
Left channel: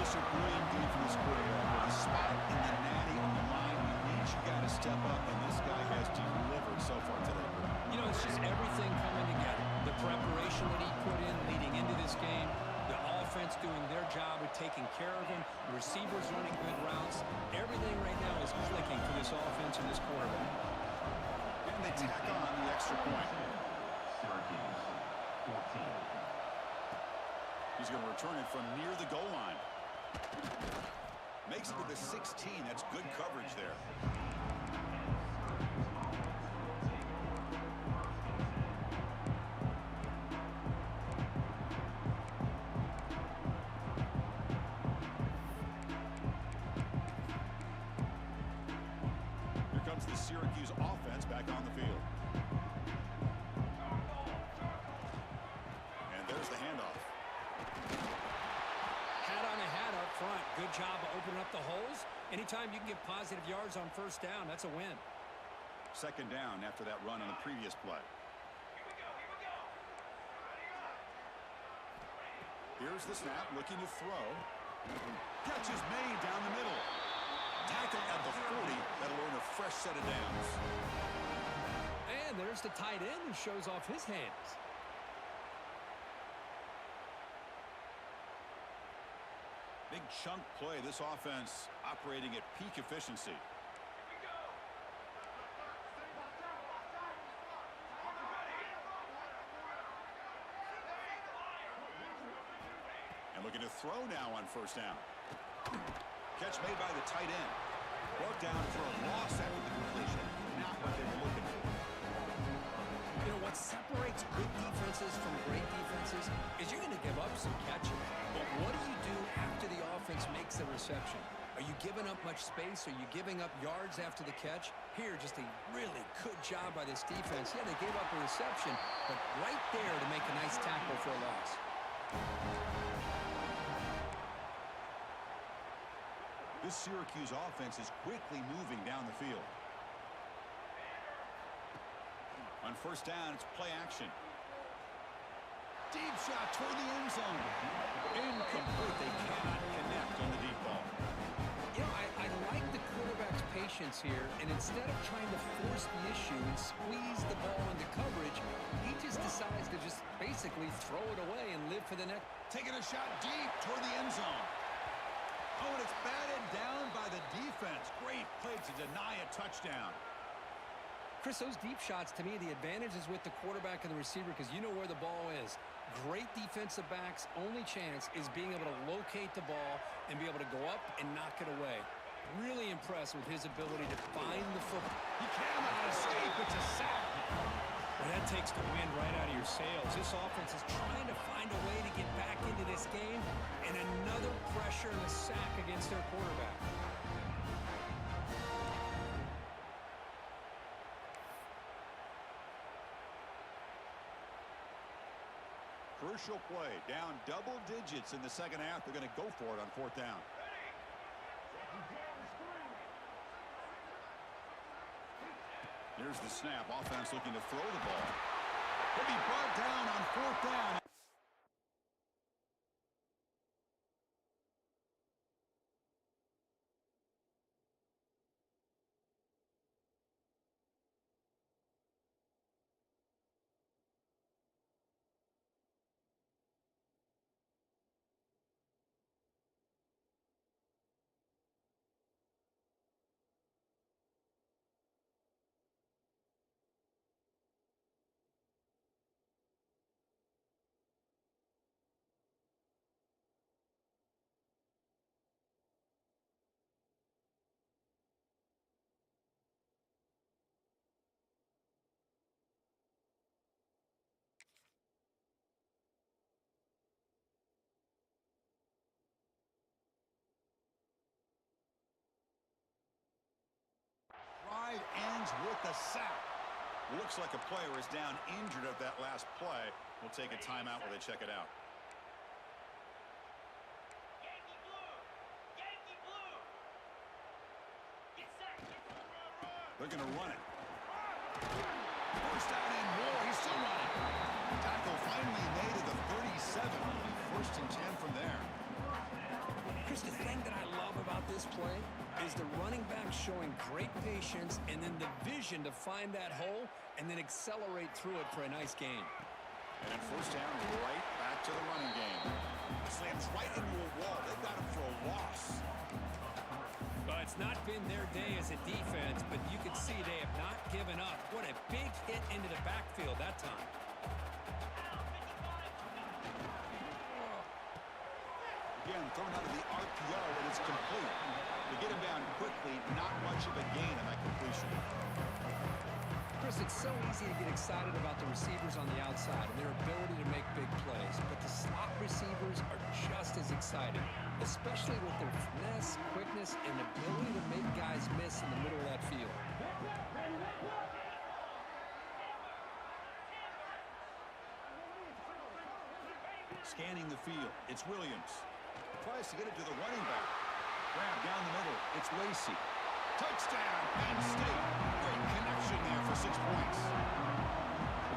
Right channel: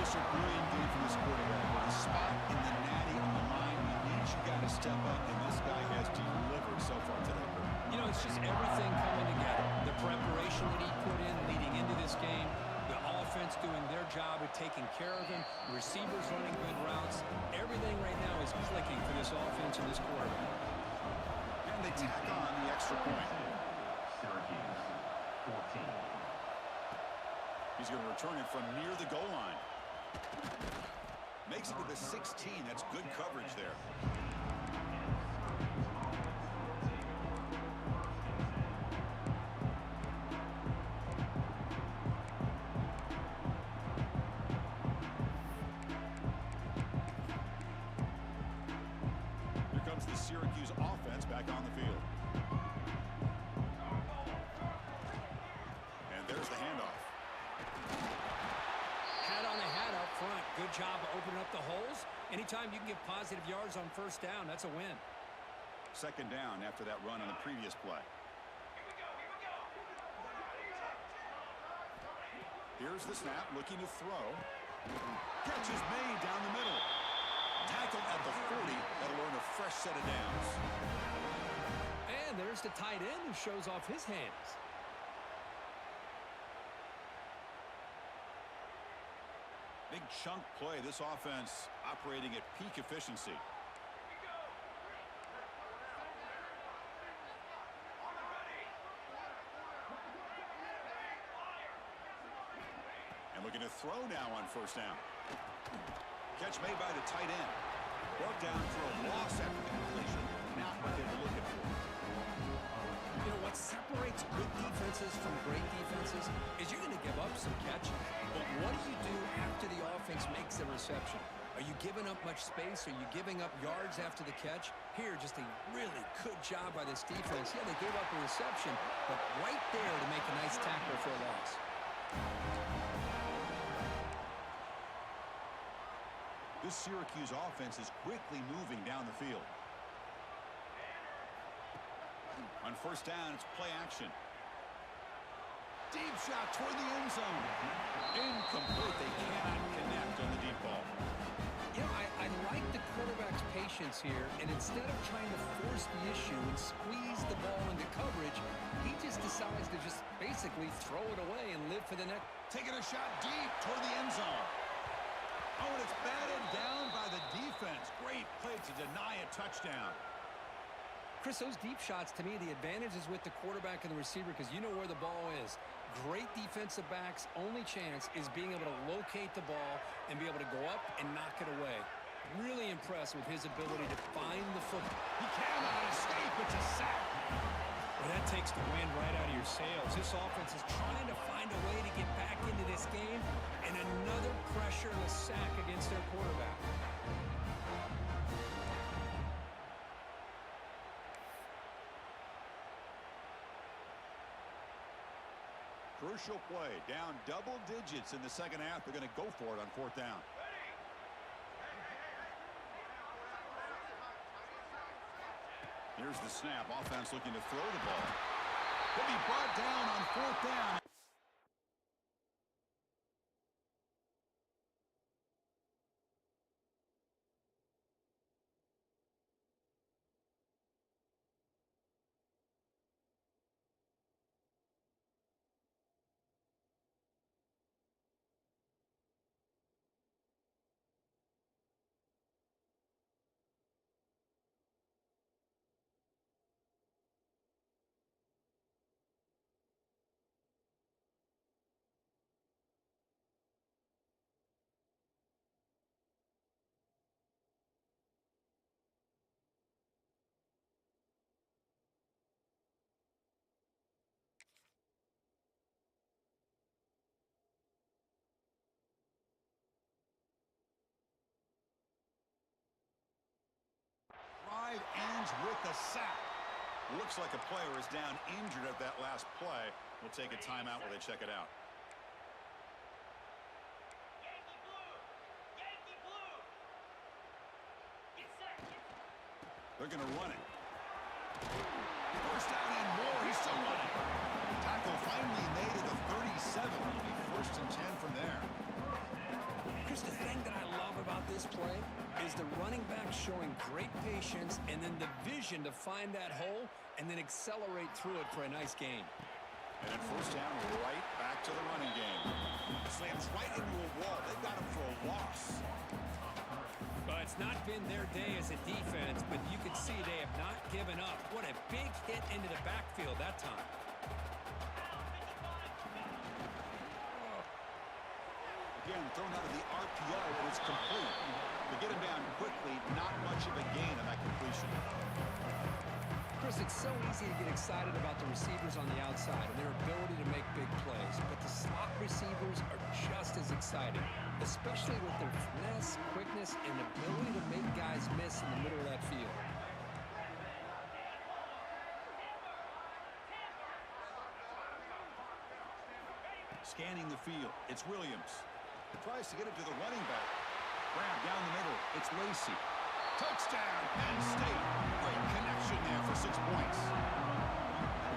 Just a brilliant game from this quarterback. With a spot in the natty on the line, you got to step up, and this guy has delivered so far today. You know, it's just everything coming together. The preparation that he put in leading into this game, the offense doing their job of taking care of him, the receivers running good routes. Everything right now is clicking for this offense and this quarterback. And they tack on the extra point. Syracuse, 14. He's going to return it from near the goal line. Makes it to the 16. That's good coverage there. Here comes the Syracuse offense back on the field. And there's the handoff. Hat on a hat up front. Good job of opening up the holes. Anytime you can get positive yards on 1st down, that's a win. 2nd down after that run on the previous play. Here's the snap, looking to throw. Catch is made down the middle. Tackle at the 40. That'll earn a fresh set of downs. And there's the tight end who shows off his hands. Big chunk play. This offense operating at peak efficiency. And looking to throw now on 1st down. Catch made by the tight end. Brought down for a loss after the completion. Not what they were looking for. You know, what separates good defenses from great defenses is you're going to give up some catches. But what do you do after the offense makes the reception? Are you giving up much space? Are you giving up yards after the catch? Here, just a really good job by this defense. Yeah, they gave up a reception, but right there to make a nice tackle for a loss. This Syracuse offense is quickly moving down the field. On 1st down, it's play action. Deep shot toward the end zone. Incomplete. They cannot connect on the deep ball. You know, I like the quarterback's patience here, and instead of trying to force the issue and squeeze the ball into coverage, he just decides to just basically throw it away and live for the next. Taking a shot deep toward the end zone. Oh, and it's batted down by the defense. Great play to deny a touchdown. Chris, those deep shots, to me, the advantage is with the quarterback and the receiver because you know where the ball is. Great defensive backs' only chance is being able to locate the ball and be able to go up and knock it away. Really impressed with his ability to find the football. He cannot escape. It's a sack. Well, that takes the wind right out of your sails. This offense is trying to find a way to get back into this game, and another pressure and a sack against their quarterback. Crucial play. Down double digits in the 2nd half. They're going to go for it on 4th down. Here's the snap. Offense looking to throw the ball. He'll be brought down on 4th down. Orange with the sack. Looks like a player is down injured at that last play. We'll take a timeout while they check it out. Yankee blue! Yankee blue! Get set! They're going to run it. First down and more. He's still running. Tackle finally made at the 37. It'll be 1st and 10 from there. Chris, the thing that I love about this play is the running back showing great patience and then the vision to find that hole and then accelerate through it for a nice gain. And then 1st down, right back to the running game. Slams right into a wall. They got him for a loss. Well, it's not been their day as a defense, but you can see they have not given up. What a big hit into the backfield that time. Again, thrown out of the RPO, and it's complete. To get him down quickly, not much of a gain on that completion. Chris, it's so easy to get excited about the receivers on the outside and their ability to make big plays, but the slot receivers are just as exciting, especially with their finesse, quickness, and ability to make guys miss in the middle of that field. Scanning the field, it's Williams. Tries to get it to the running back. Grab down the middle, it's Lacey. Touchdown, Penn State. Great connection there for 6 points.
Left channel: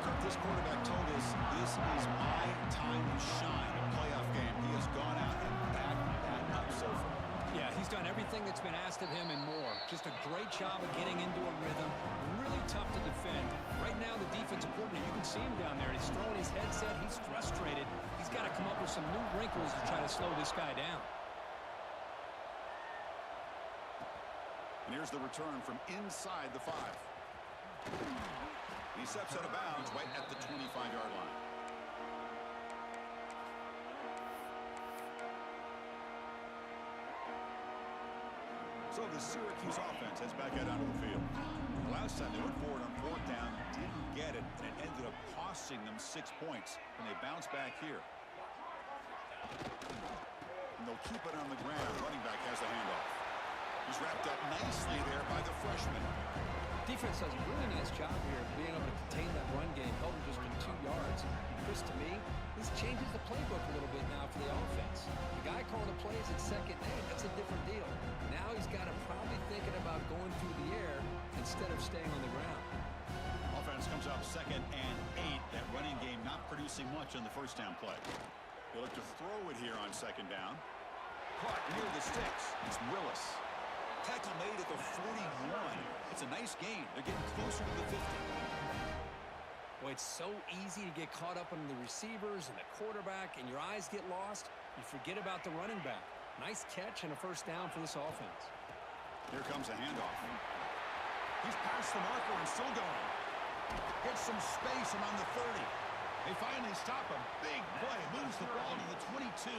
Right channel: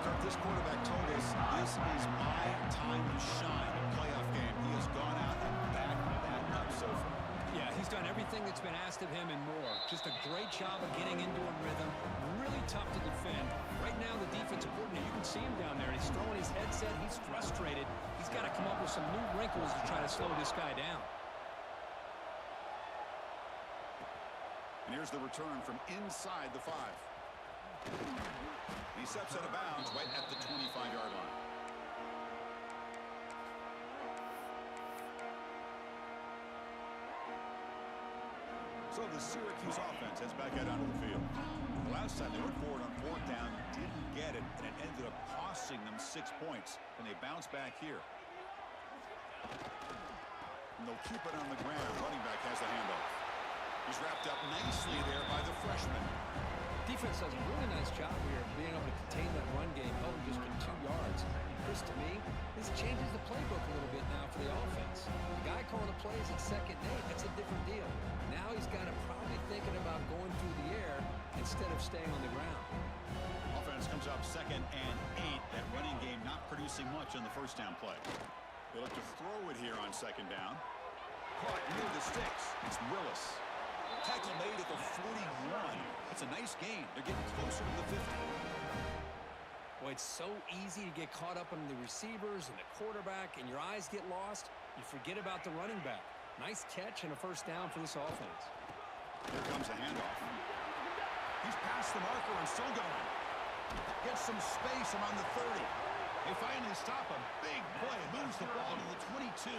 Kirk, this quarterback told us this is my time to shine. A playoff game. He has gone out and backed that up so far. Yeah, he's done everything that's been asked of him and more. Just a great job of getting into a rhythm. Really tough to defend. Right now, the defensive coordinator, you can see him down there. He's throwing his headset. He's frustrated. He's got to come up with some new wrinkles to try to slow this guy down. And here's the return from inside the 5. And he steps out of bounds right at the 25-yard line. So the Syracuse offense heads back out onto the field. The last time they went forward on 4th down, didn't get it, and it ended up costing them 6 points. And they bounce back here. And they'll keep it on the ground. Running back has the handoff. He's wrapped up nicely there by the freshman. Defense does a really nice job here of being able to contain that run game, held him just for 2 yards. Chris, to me, this changes the playbook a little bit now for the offense. The guy calling the plays at 2nd and 8, that's a different deal. Now he's got to probably thinking about going through the air instead of staying on the ground. Offense comes up 2nd and 8. That running game not producing much on the 1st down play. They look to throw it here on 2nd down. Caught near the sticks. It's Willis. Tackle made at the 41. It's a nice gain. They're getting closer to the 50. Boy, it's so easy to get caught up on the receivers and the quarterback, and your eyes get lost. You forget about the running back. Nice catch and a 1st down for this offense. Here comes a handoff. He's past the marker and still going. Gets some space around the 30. They finally stop a big play. Moves the ball to the 22.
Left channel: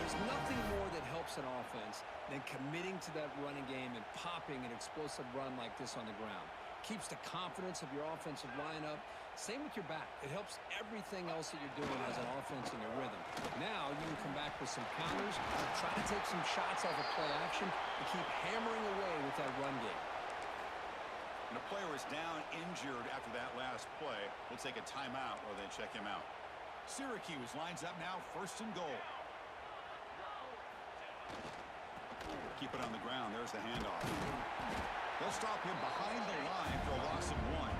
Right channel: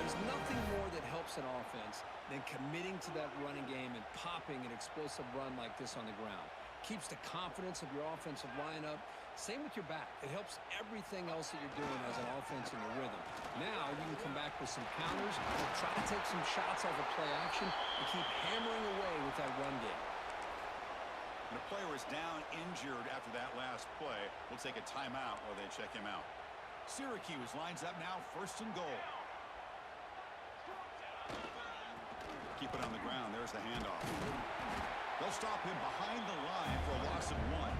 There's nothing more that helps an offense than committing to that running game and popping an explosive run like this on the ground. Keeps the confidence of your offensive lineup. Same with your back. It helps everything else that you're doing as an offense in your rhythm. Now you can come back with some counters or try to take some shots off of play action and keep hammering away with that run game. And a player is down injured after that last play. We'll take a timeout while they check him out. Syracuse lines up now 1st and goal. Keep it on the ground. There's the handoff. They'll stop him behind the line for a loss of 1.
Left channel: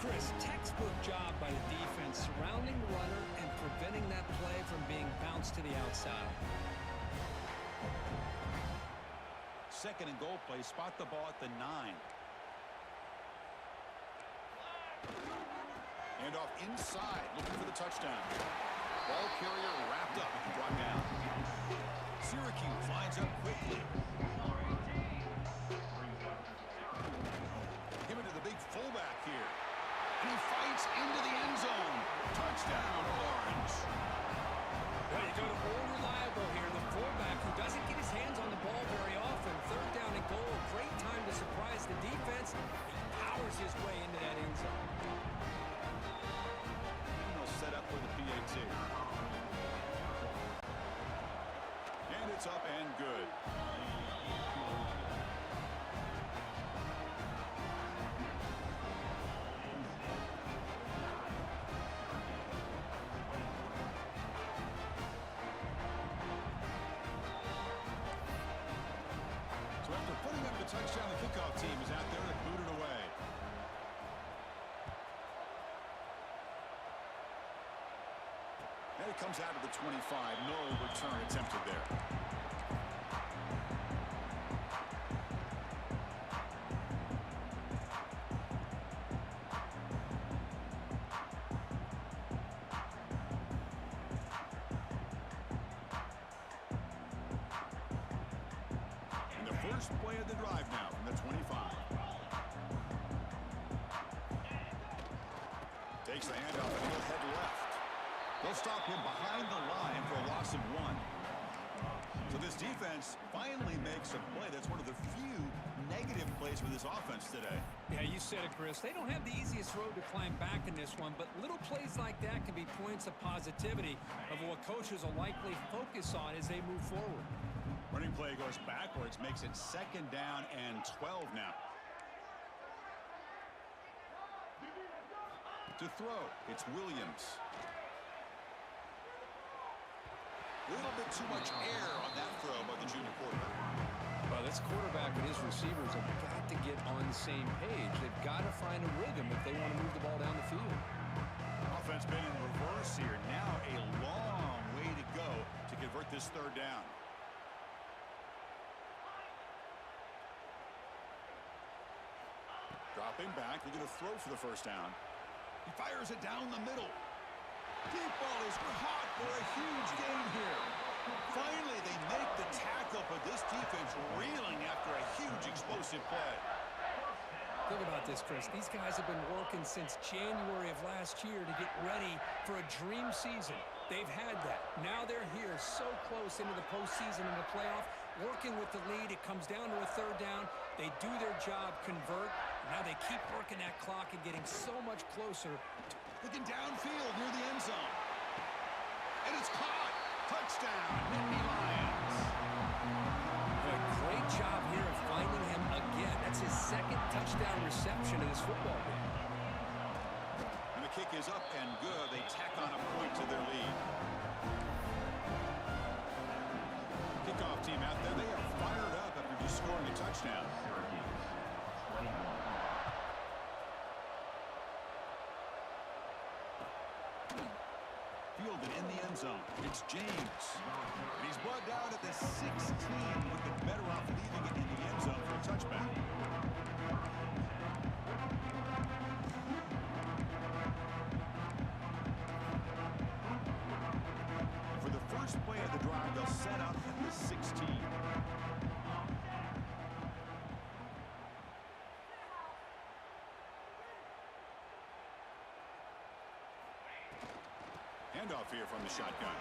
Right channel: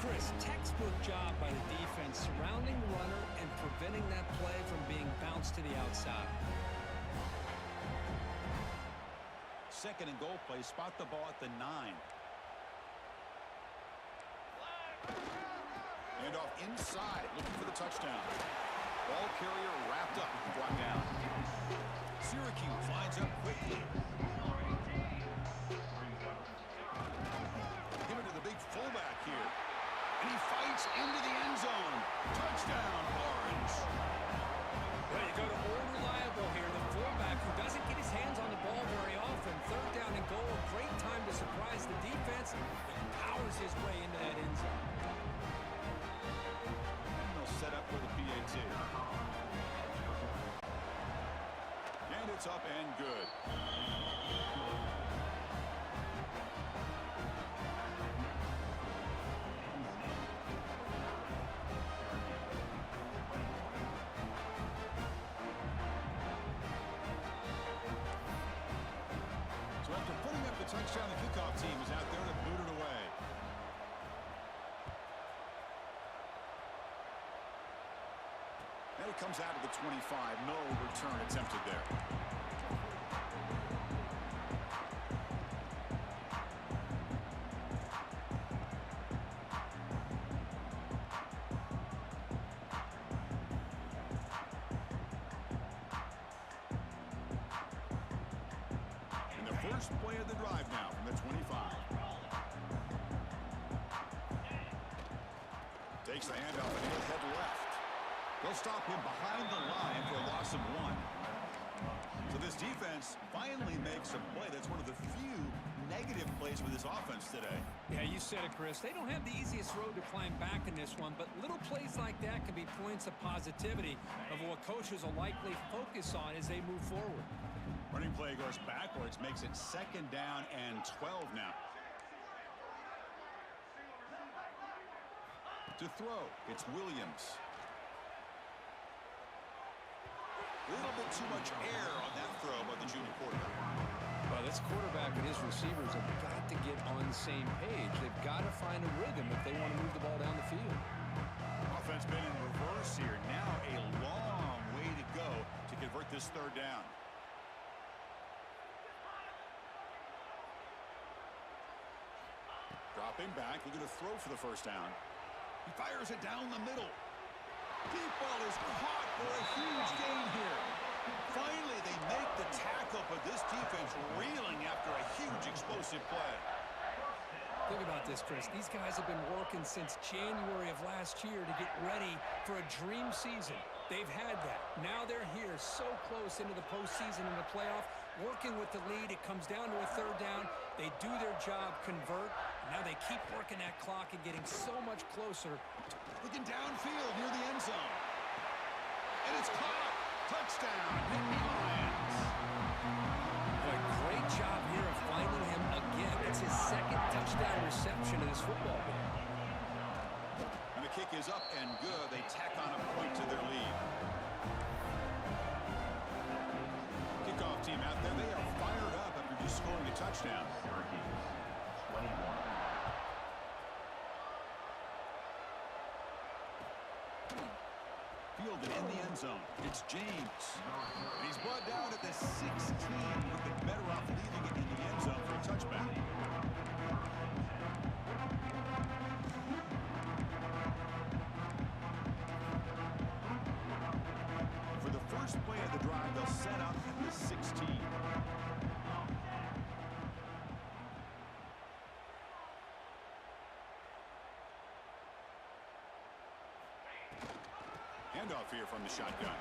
Chris, textbook job by the defense surrounding the runner and preventing that play from being bounced to the outside. 2nd and goal play. Spot the ball at the 9. Handoff inside. Looking for the touchdown. Ball carrier wrapped up and brought down. Syracuse lines up quickly. Give it to the big fullback here. And he fights into the end zone. Touchdown, Orange. Way to go to old reliable here. The fullback who doesn't get his hands on the ball very often. 3rd down and goal. A great time to surprise the defense. He powers his way into that end zone. And they'll set up for the PAT. And it's up and good. the touchdown. The kickoff team is out there to boot it away. And it comes out of the 25. No return attempted there. And the first play of the drive now from the 25. Takes the handoff and he'll head left. They'll stop him behind the line for a loss of 1. So this defense finally makes a play. That's one of the few negative plays for this offense today. Yeah, you said it, Chris. They don't have the easiest road to climb back in this one, but little plays like that can be points of positivity of what coaches will likely focus on as they move forward. Running play goes backwards, makes it 2nd down and 12 now. To throw, it's Williams. A little bit too much air on that throw by the junior quarterback. Well, this quarterback and his receivers have got to get on the same page. They've got to find a rhythm if they want to move the ball down the field. Offense been in reverse here. Now a long way to go to convert this 3rd down. Dropping back, looking to throw for the 1st down. He fires it down the middle. Deep ball is caught for a huge gain here. Finally, they make the tackle, but this defense reeling after a huge explosive play. Think about this, Chris. These guys have been working since January of last year to get ready for a dream season. They've had that. Now they're here so close into the postseason and the playoff, working with the lead. It comes down to a 3rd down. They do their job, convert. Now they keep working that clock and getting so much closer. Looking downfield near the end zone. And it's caught. Touchdown, Nittany Lions. Boy, great job here of finding him again. That's his 2nd touchdown reception of this football game. And the kick is up and good. They tack on a point to their lead. Kickoff team out there. They are fired up after just scoring a touchdown. Syracuse, 21. Fielded in the end zone. It's James. And he's brought down at the 16. Would have been better off leaving it in the end zone for a touchback. For the first play of the drive, they'll set up at the 16. Handoff here from the shotgun.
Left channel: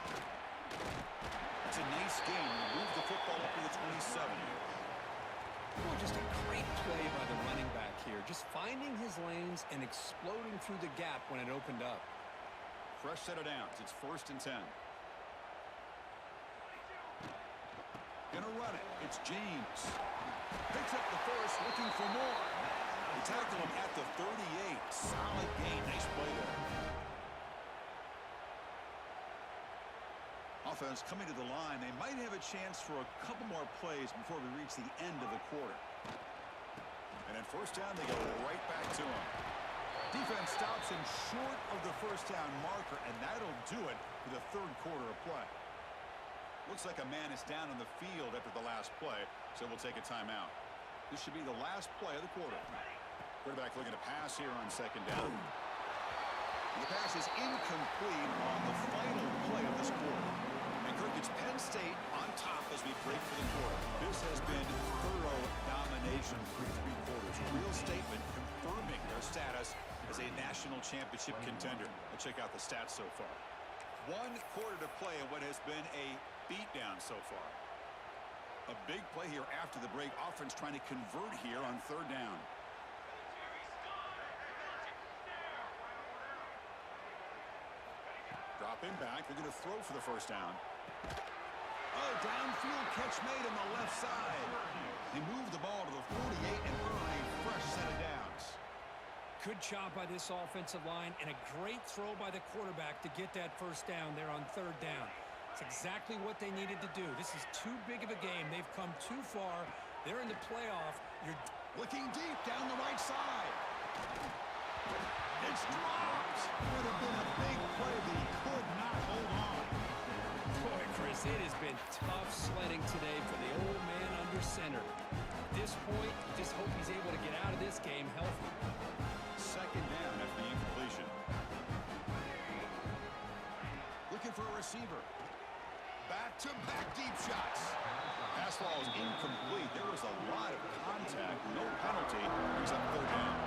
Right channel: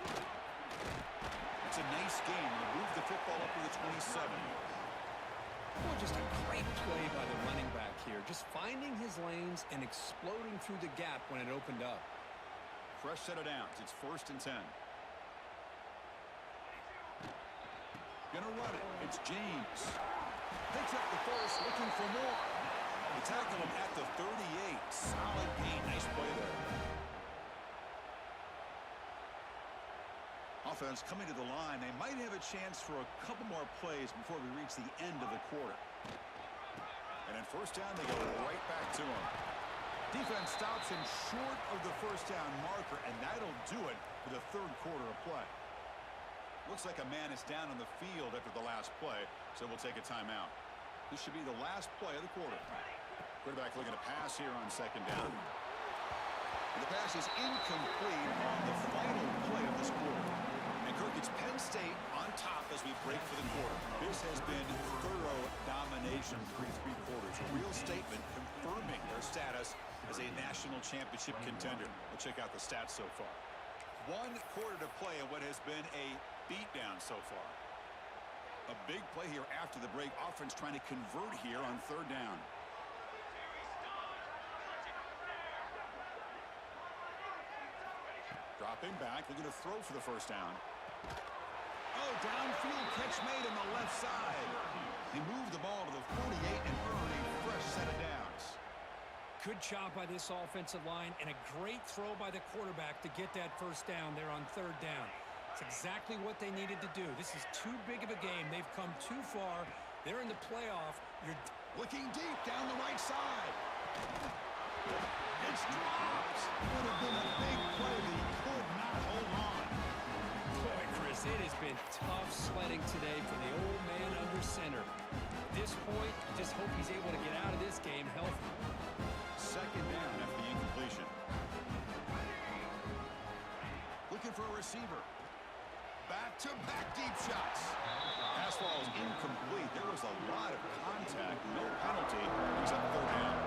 It's a nice game. Move the football up to the 27. Boy, just a great play by the running back here. Just finding his lanes and exploding through the gap when it opened up. Fresh set of downs. It's 1st and 10. Gonna run it. It's James. Picks up the first, looking for more. They tackle him at the 38. Solid gain. Nice play there. Offense coming to the line. They might have a chance for a couple more plays before we reach the end of the quarter. And then 1st down, they go right back to him. Defense stops him short of the 1st down marker, and that'll do it for the 3rd quarter of play. Looks like a man is down on the field after the last play, so we'll take a timeout. This should be the last play of the quarter. Quarterback looking to pass here on 2nd down. And the pass is incomplete on the final play of this quarter. And Kirk, it's Penn State on top as we break for the quarter. This has been thorough domination through 3 quarters. A real statement confirming their status as a national championship contender. We'll check out the stats so far. 1 quarter to play in what has been a beatdown so far. A big play here after the break. Offense trying to convert here on 3rd down. Dropping back, looking to throw for the 1st down. Oh, downfield catch made on the left side. They move the ball to the 48 and earn a fresh set of downs. Good job by this offensive line and a great throw by the quarterback to get that 1st down there on 3rd down. It's exactly what they needed to do. This is too big of a game. They've come too far. They're in the playoff. You're looking deep down the right side. It's dropped. Would have been a big play, but he could not hold on. Boy, Chris, it has been tough sledding today for the old man under center. At this point, you just hope he's able to get out of this game healthy. Second down after the incompletion. Looking for a receiver. Back-to-back deep shots. Pass ball is incomplete. There was a lot of contact. No penalty. Brings up third down.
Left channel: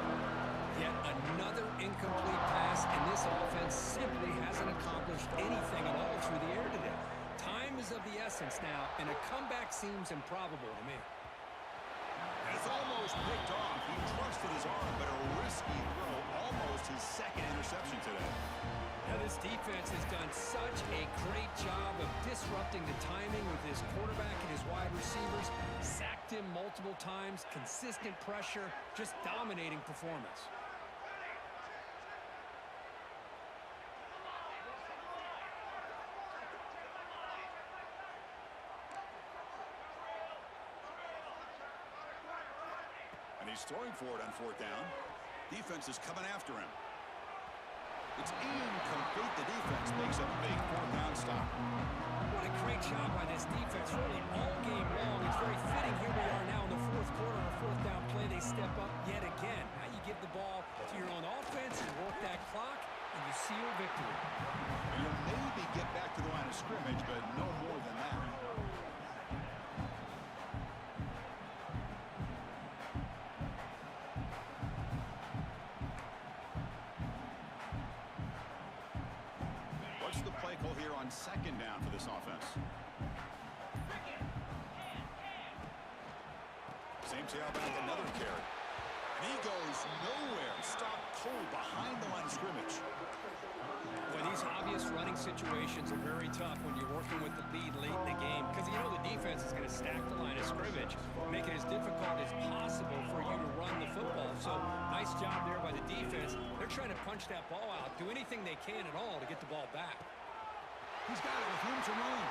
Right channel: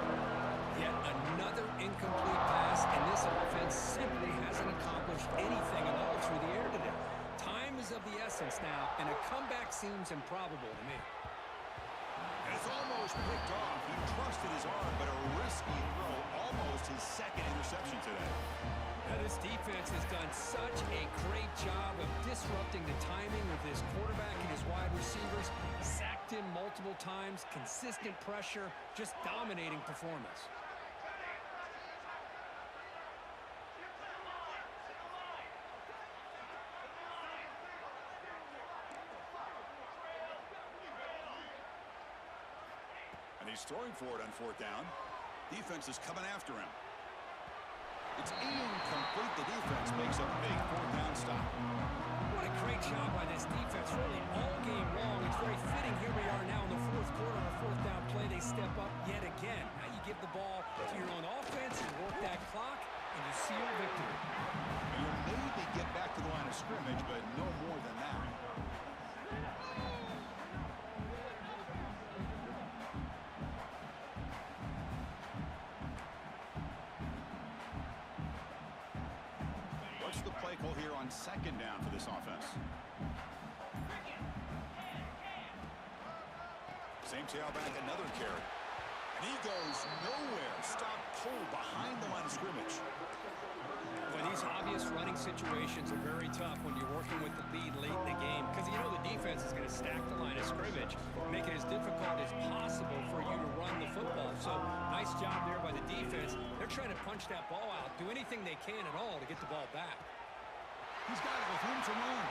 Yet another incomplete pass, and this offense simply hasn't accomplished anything at all through the air today. Time is of the essence now, and a comeback seems improbable to me. And it's almost picked off. He trusted his arm, but a risky throw. Almost his second interception today. Now, this defense has done such a great job of disrupting the timing with his quarterback and his wide receivers. Sacked him multiple times, consistent pressure, just dominating performance. And he's throwing for it on fourth down. Defense is coming after him. It's incomplete. The defense makes a big fourth down stop. What a great job by this defense, really, all game long. It's very fitting. Here we are now in the fourth quarter. On a fourth down play, they step up yet again. Now you give the ball to your own offense, you work that clock, and you seal victory. And you'll maybe get back to the line of scrimmage, but no more than that. What's the play call here on second down for this offense? Same tailback, another carry. And he goes nowhere. Stopped cold behind the line of scrimmage. Well, these obvious running situations are very tough when you're working with the lead late in the game, because you know the defense is going to stack the line of scrimmage, make it as difficult as possible for you to run the football. So nice job there by the defense. They're trying to punch that ball out, do anything they can at all to get the ball back. He's got it with room to run.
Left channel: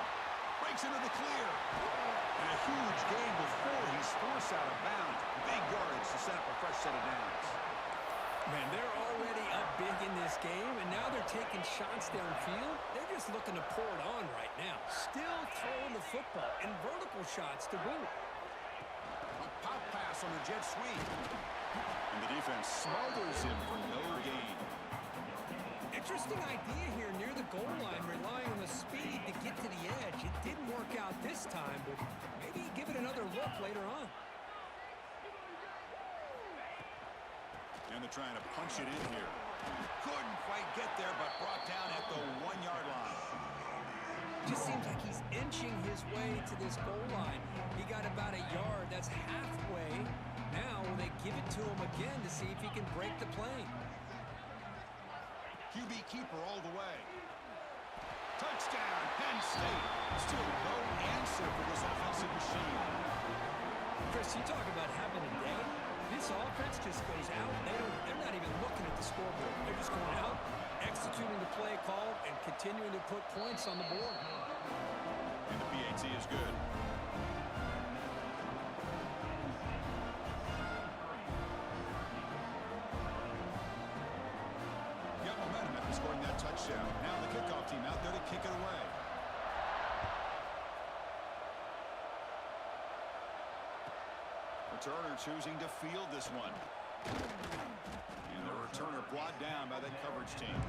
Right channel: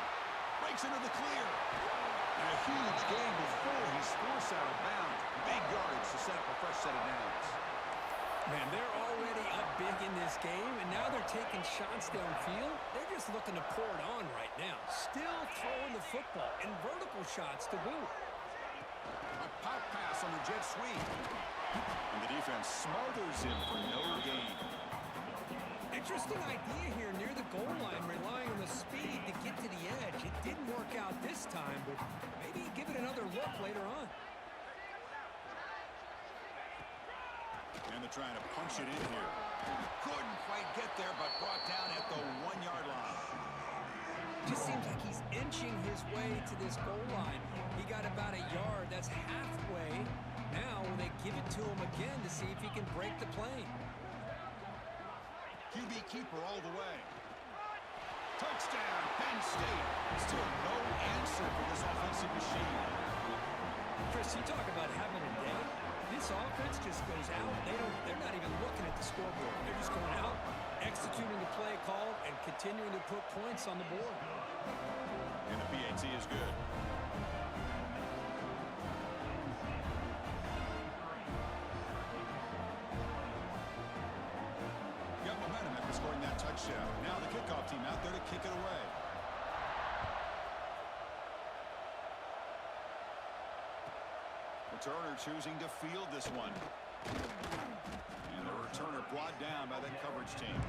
Breaks into the clear. And a huge gain before he's forced out of bounds. Big yards to set up a fresh set of downs. Man, they're already up big in this game, and now they're taking shots downfield. They're just looking to pour it on right now. Still throwing the football, and vertical shots to boot. A pop pass on the jet sweep. And the defense smothers him for no gain. Interesting idea here near the goal line, relying on the speed to get to the edge. It didn't work out this time, but maybe give it another look later on. And they're trying to punch it in here. Couldn't quite get there, but brought down at the 1-yard line. Just seems like he's inching his way to this goal line. He got about a yard. That's halfway. Now will they give it to him again to see if he can break the plane? QB keeper all the way. Touchdown, Penn State. Still no answer for this offensive machine. Chris, you talk about having a day. This offense just goes out. They're not even looking at the scoreboard. They're just going out, executing the play call, and continuing to put points on the board. And the PAT is good. Got momentum after scoring that touchdown. Now the kickoff team out there to kick it away. Returner choosing to field this one. And the returner brought down by that coverage team.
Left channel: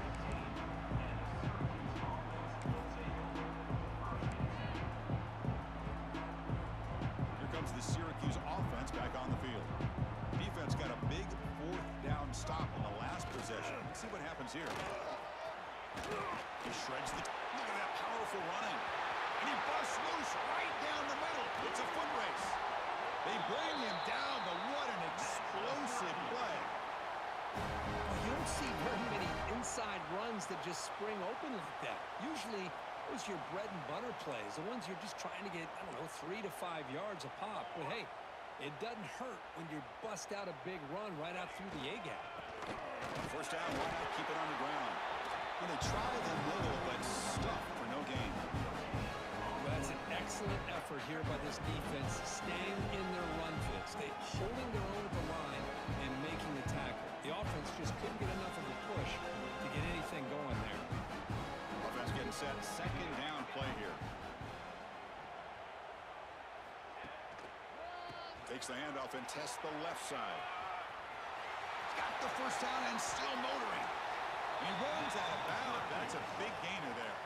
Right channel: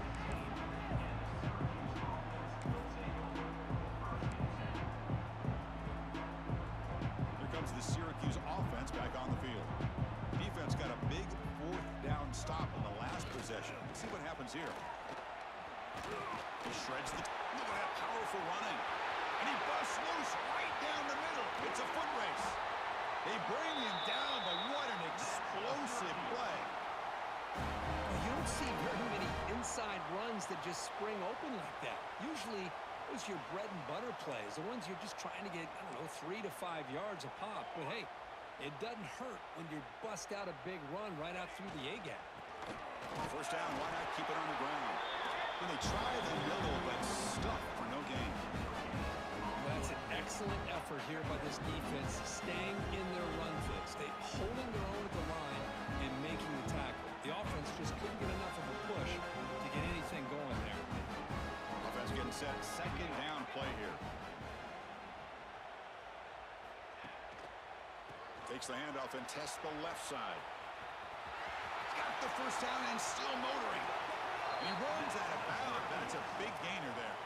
Here comes the Syracuse offense back on the field. Defense got a big fourth down stop on the last possession. Let's see what happens here. He shreds the... Look at that powerful running. And he busts loose right down the middle. It's a foot race. They bring him down, but what an explosive play. Well, you don't see very many inside runs that just spring open like that. Usually, those are your bread and butter plays, the ones you're just trying to get, I don't know, 3 to 5 yards a pop. But, hey, it doesn't hurt when you bust out a big run right out through the A-gap. First down, why not keep it on the ground? When they try the middle, but stuck for no gain. Well, That's an excellent effort here by this defense, staying in their run fit, holding their own at the line and making the tackle. The offense just couldn't get enough of a push to get anything going there. Offense getting set. Second down play here. Takes the handoff and tests the left side. He's got the first down and still motoring. And he runs out of bounds. That's a big gainer there.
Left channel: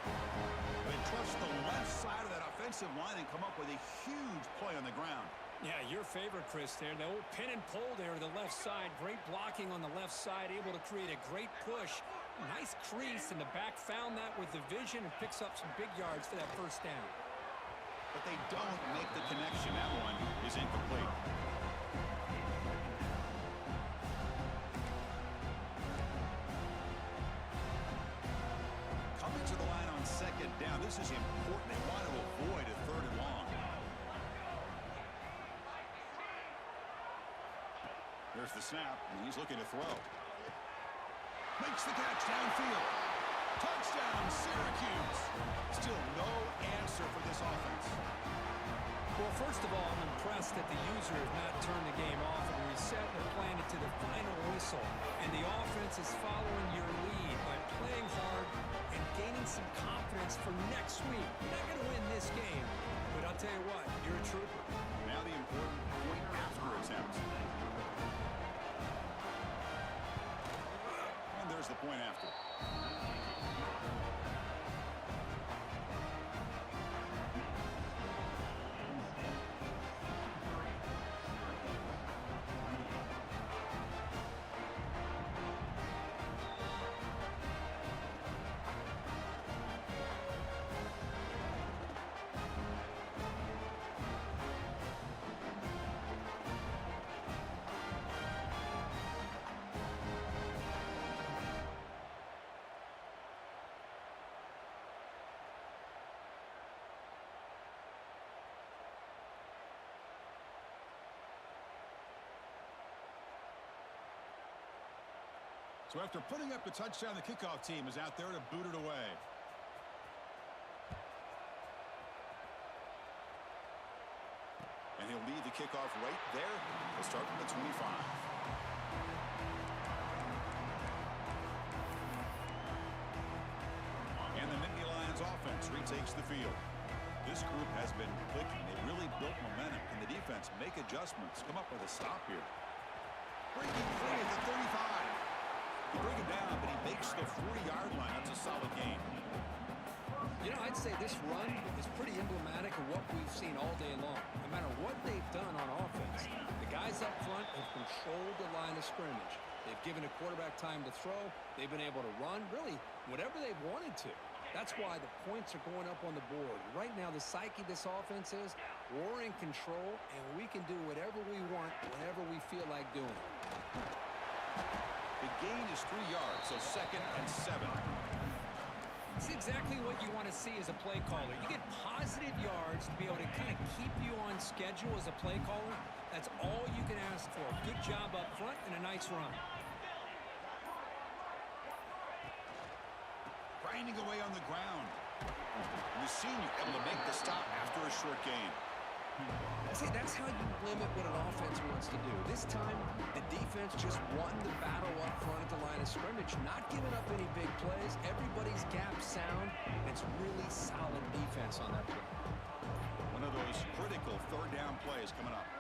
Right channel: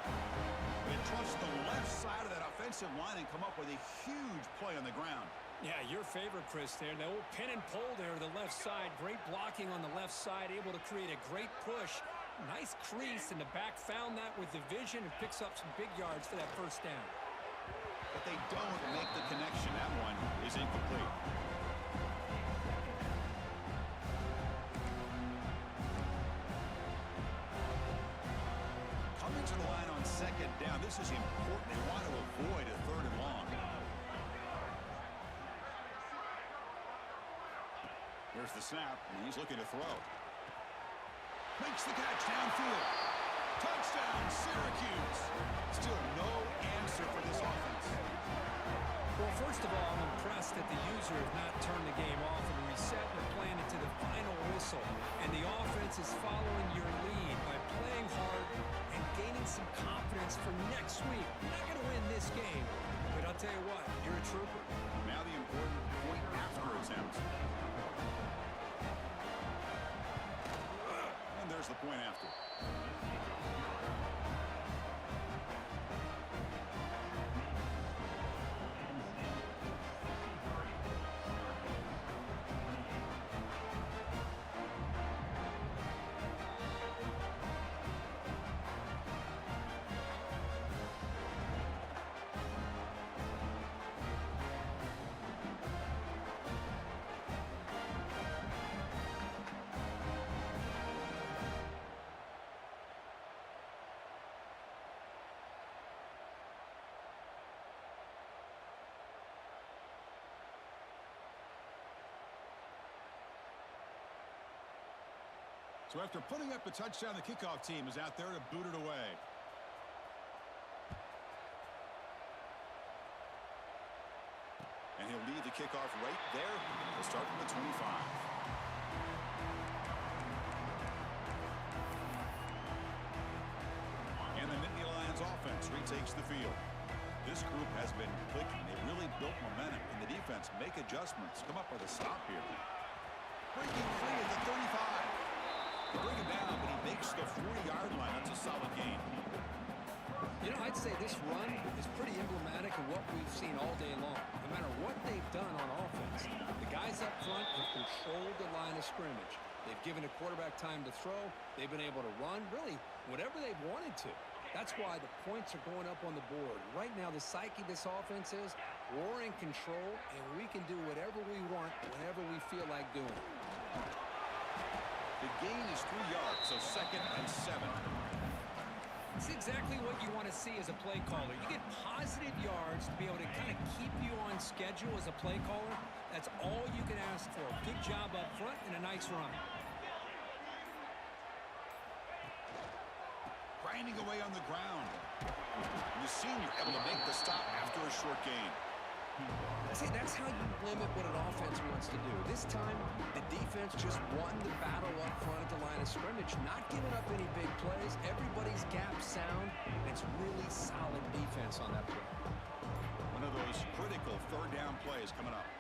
They trust the left side of that offensive line and come up with a huge play on the ground. Yeah, your favorite, Chris, there. The old pin and pull there to the left side. Great blocking on the left side, able to create a great push. Nice crease, and the back found that with the vision and picks up some big yards for that first down. But they don't make the connection. That one is incomplete. Coming to the line on second down. This is important. They want to avoid a third and long. Here's the snap, and he's looking to throw. Makes the catch downfield. Touchdown, Syracuse. Still no answer for this offense. Well, first of all, I'm impressed that the user has not turned the game off and reset their plan to the final whistle. And the offense is following your lead by playing hard and gaining some confidence for next week. You're not going to win this game, but I'll tell you what, you're a trooper. Now the important point after attempt. And there's the point after. So after putting up the touchdown, the kickoff team is out there to boot it away. And he'll lead the kickoff right there. He'll start from the 25. And the Nittany Lions offense retakes the field. This group has been clicking. They really built momentum. Can the defense make adjustments? Come up with a stop here. Breaking free at the 35. They bring him down, but he makes the 40-yard line. That's a solid gain. You know, I'd say this run is pretty emblematic of what we've seen all day long. No matter what they've done on offense, the guys up front have controlled the line of scrimmage. They've given a quarterback time to throw. They've been able to run, really, whatever they've wanted to. That's why the points are going up on the board. Right now, the psyche of this offense is we're in control, and we can do whatever we want whenever we feel like doing it. The gain is 3 yards, so 2nd and 7. It's exactly what you want to see as a play caller. You get positive yards to be able to kind of keep you on schedule as a play caller. That's all you can ask for. Good job up front and a nice run. Grinding away on the ground. And the senior able to make the stop after a short gain. See, that's how you limit what an offense wants to do. This time, the defense just won the battle up front at the line of scrimmage, not giving up any big plays. Everybody's gap sound. It's really solid defense on that play. One of those critical third down plays coming up.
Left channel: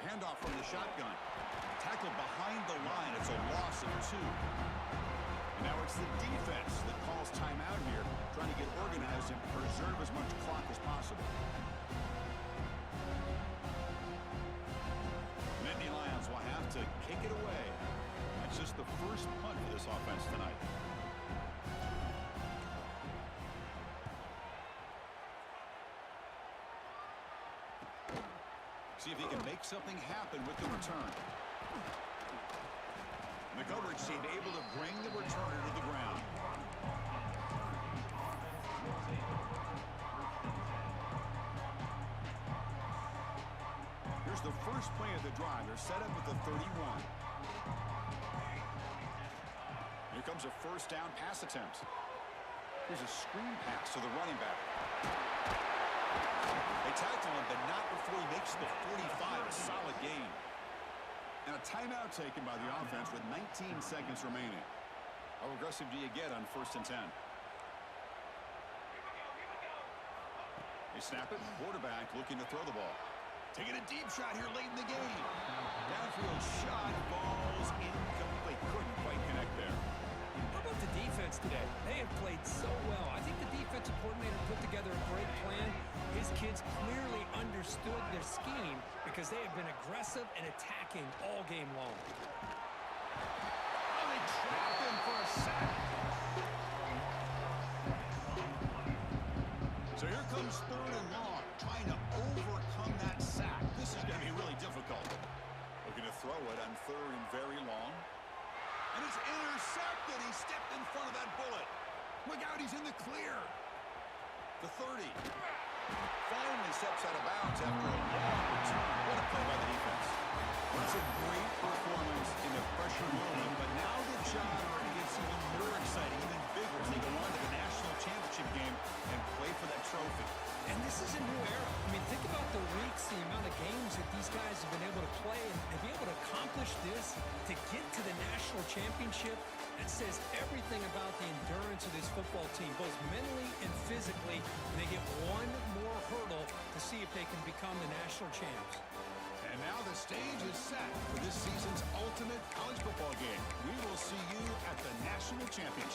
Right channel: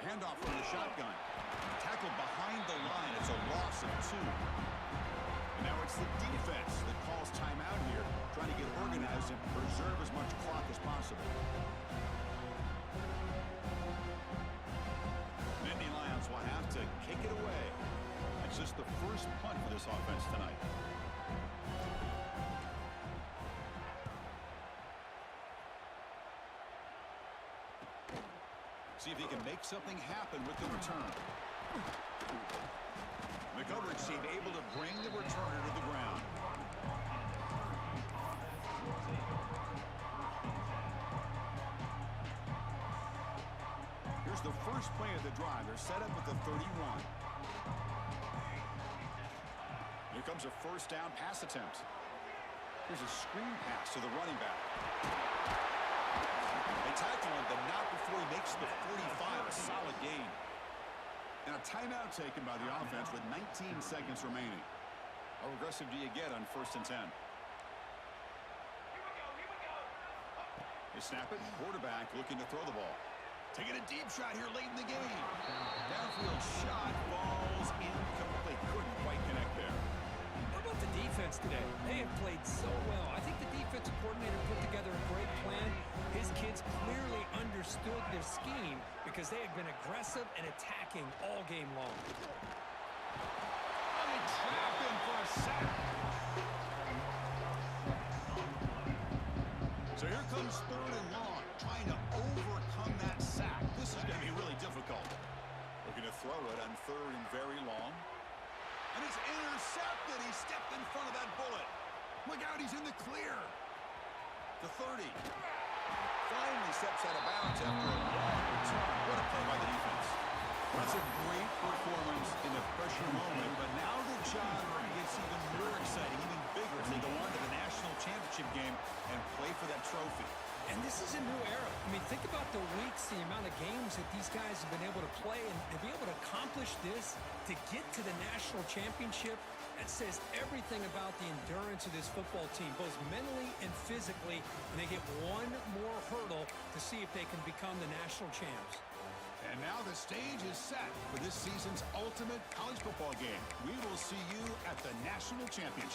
Handoff from the shotgun. Tackled behind the line. It's a loss of 2. And now it's the defense that calls timeout here, trying to get organized and preserve as much clock as possible. Nittany Lions will have to kick it away. That's just the first punt for this offense tonight. See if he can make something happen with the return. The coverage team able to bring the returner to the ground. Here's the first play of the drive. They're set up at the 31. Here comes a first down pass attempt. Here's a screen pass to the running back. They tackle him, but not before he makes the 45, a solid gain. And a timeout taken by the offense with 19 seconds remaining. How aggressive do you get on 1st and 10? Here we go, here we go. They snap it. Quarterback looking to throw the ball. Taking a deep shot here late in the game. Downfield shot falls incomplete. Couldn't quite connect there. How about the defense today? They have played so well. I think the defensive coordinator put together a great plan. His kids clearly understood their scheme because they have been aggressive and attacking all game long. Oh, they trap him for a sack. So here comes 3rd and long, trying to overcome that sack. This is going to be really difficult. Looking to throw it on 3rd and very long. And it's intercepted. He stepped in front of that bullet. Look out, he's in the clear. The 30. Finally steps out of bounds after a long return. What a play by the defense. Well, that's a great performance in a pressure moment, but now the job gets even more exciting, even bigger as they go on to the national championship game and play for that trophy. And this is a new era. I mean, think about the weeks, the amount of games that these guys have been able to play, and to be able to accomplish this, to get to the national championship, that says everything about the endurance of this football team, both mentally and physically. And they get one more hurdle to see if they can become the national champs. And now the stage is set for this season's ultimate college football game. We will see you at the national championship.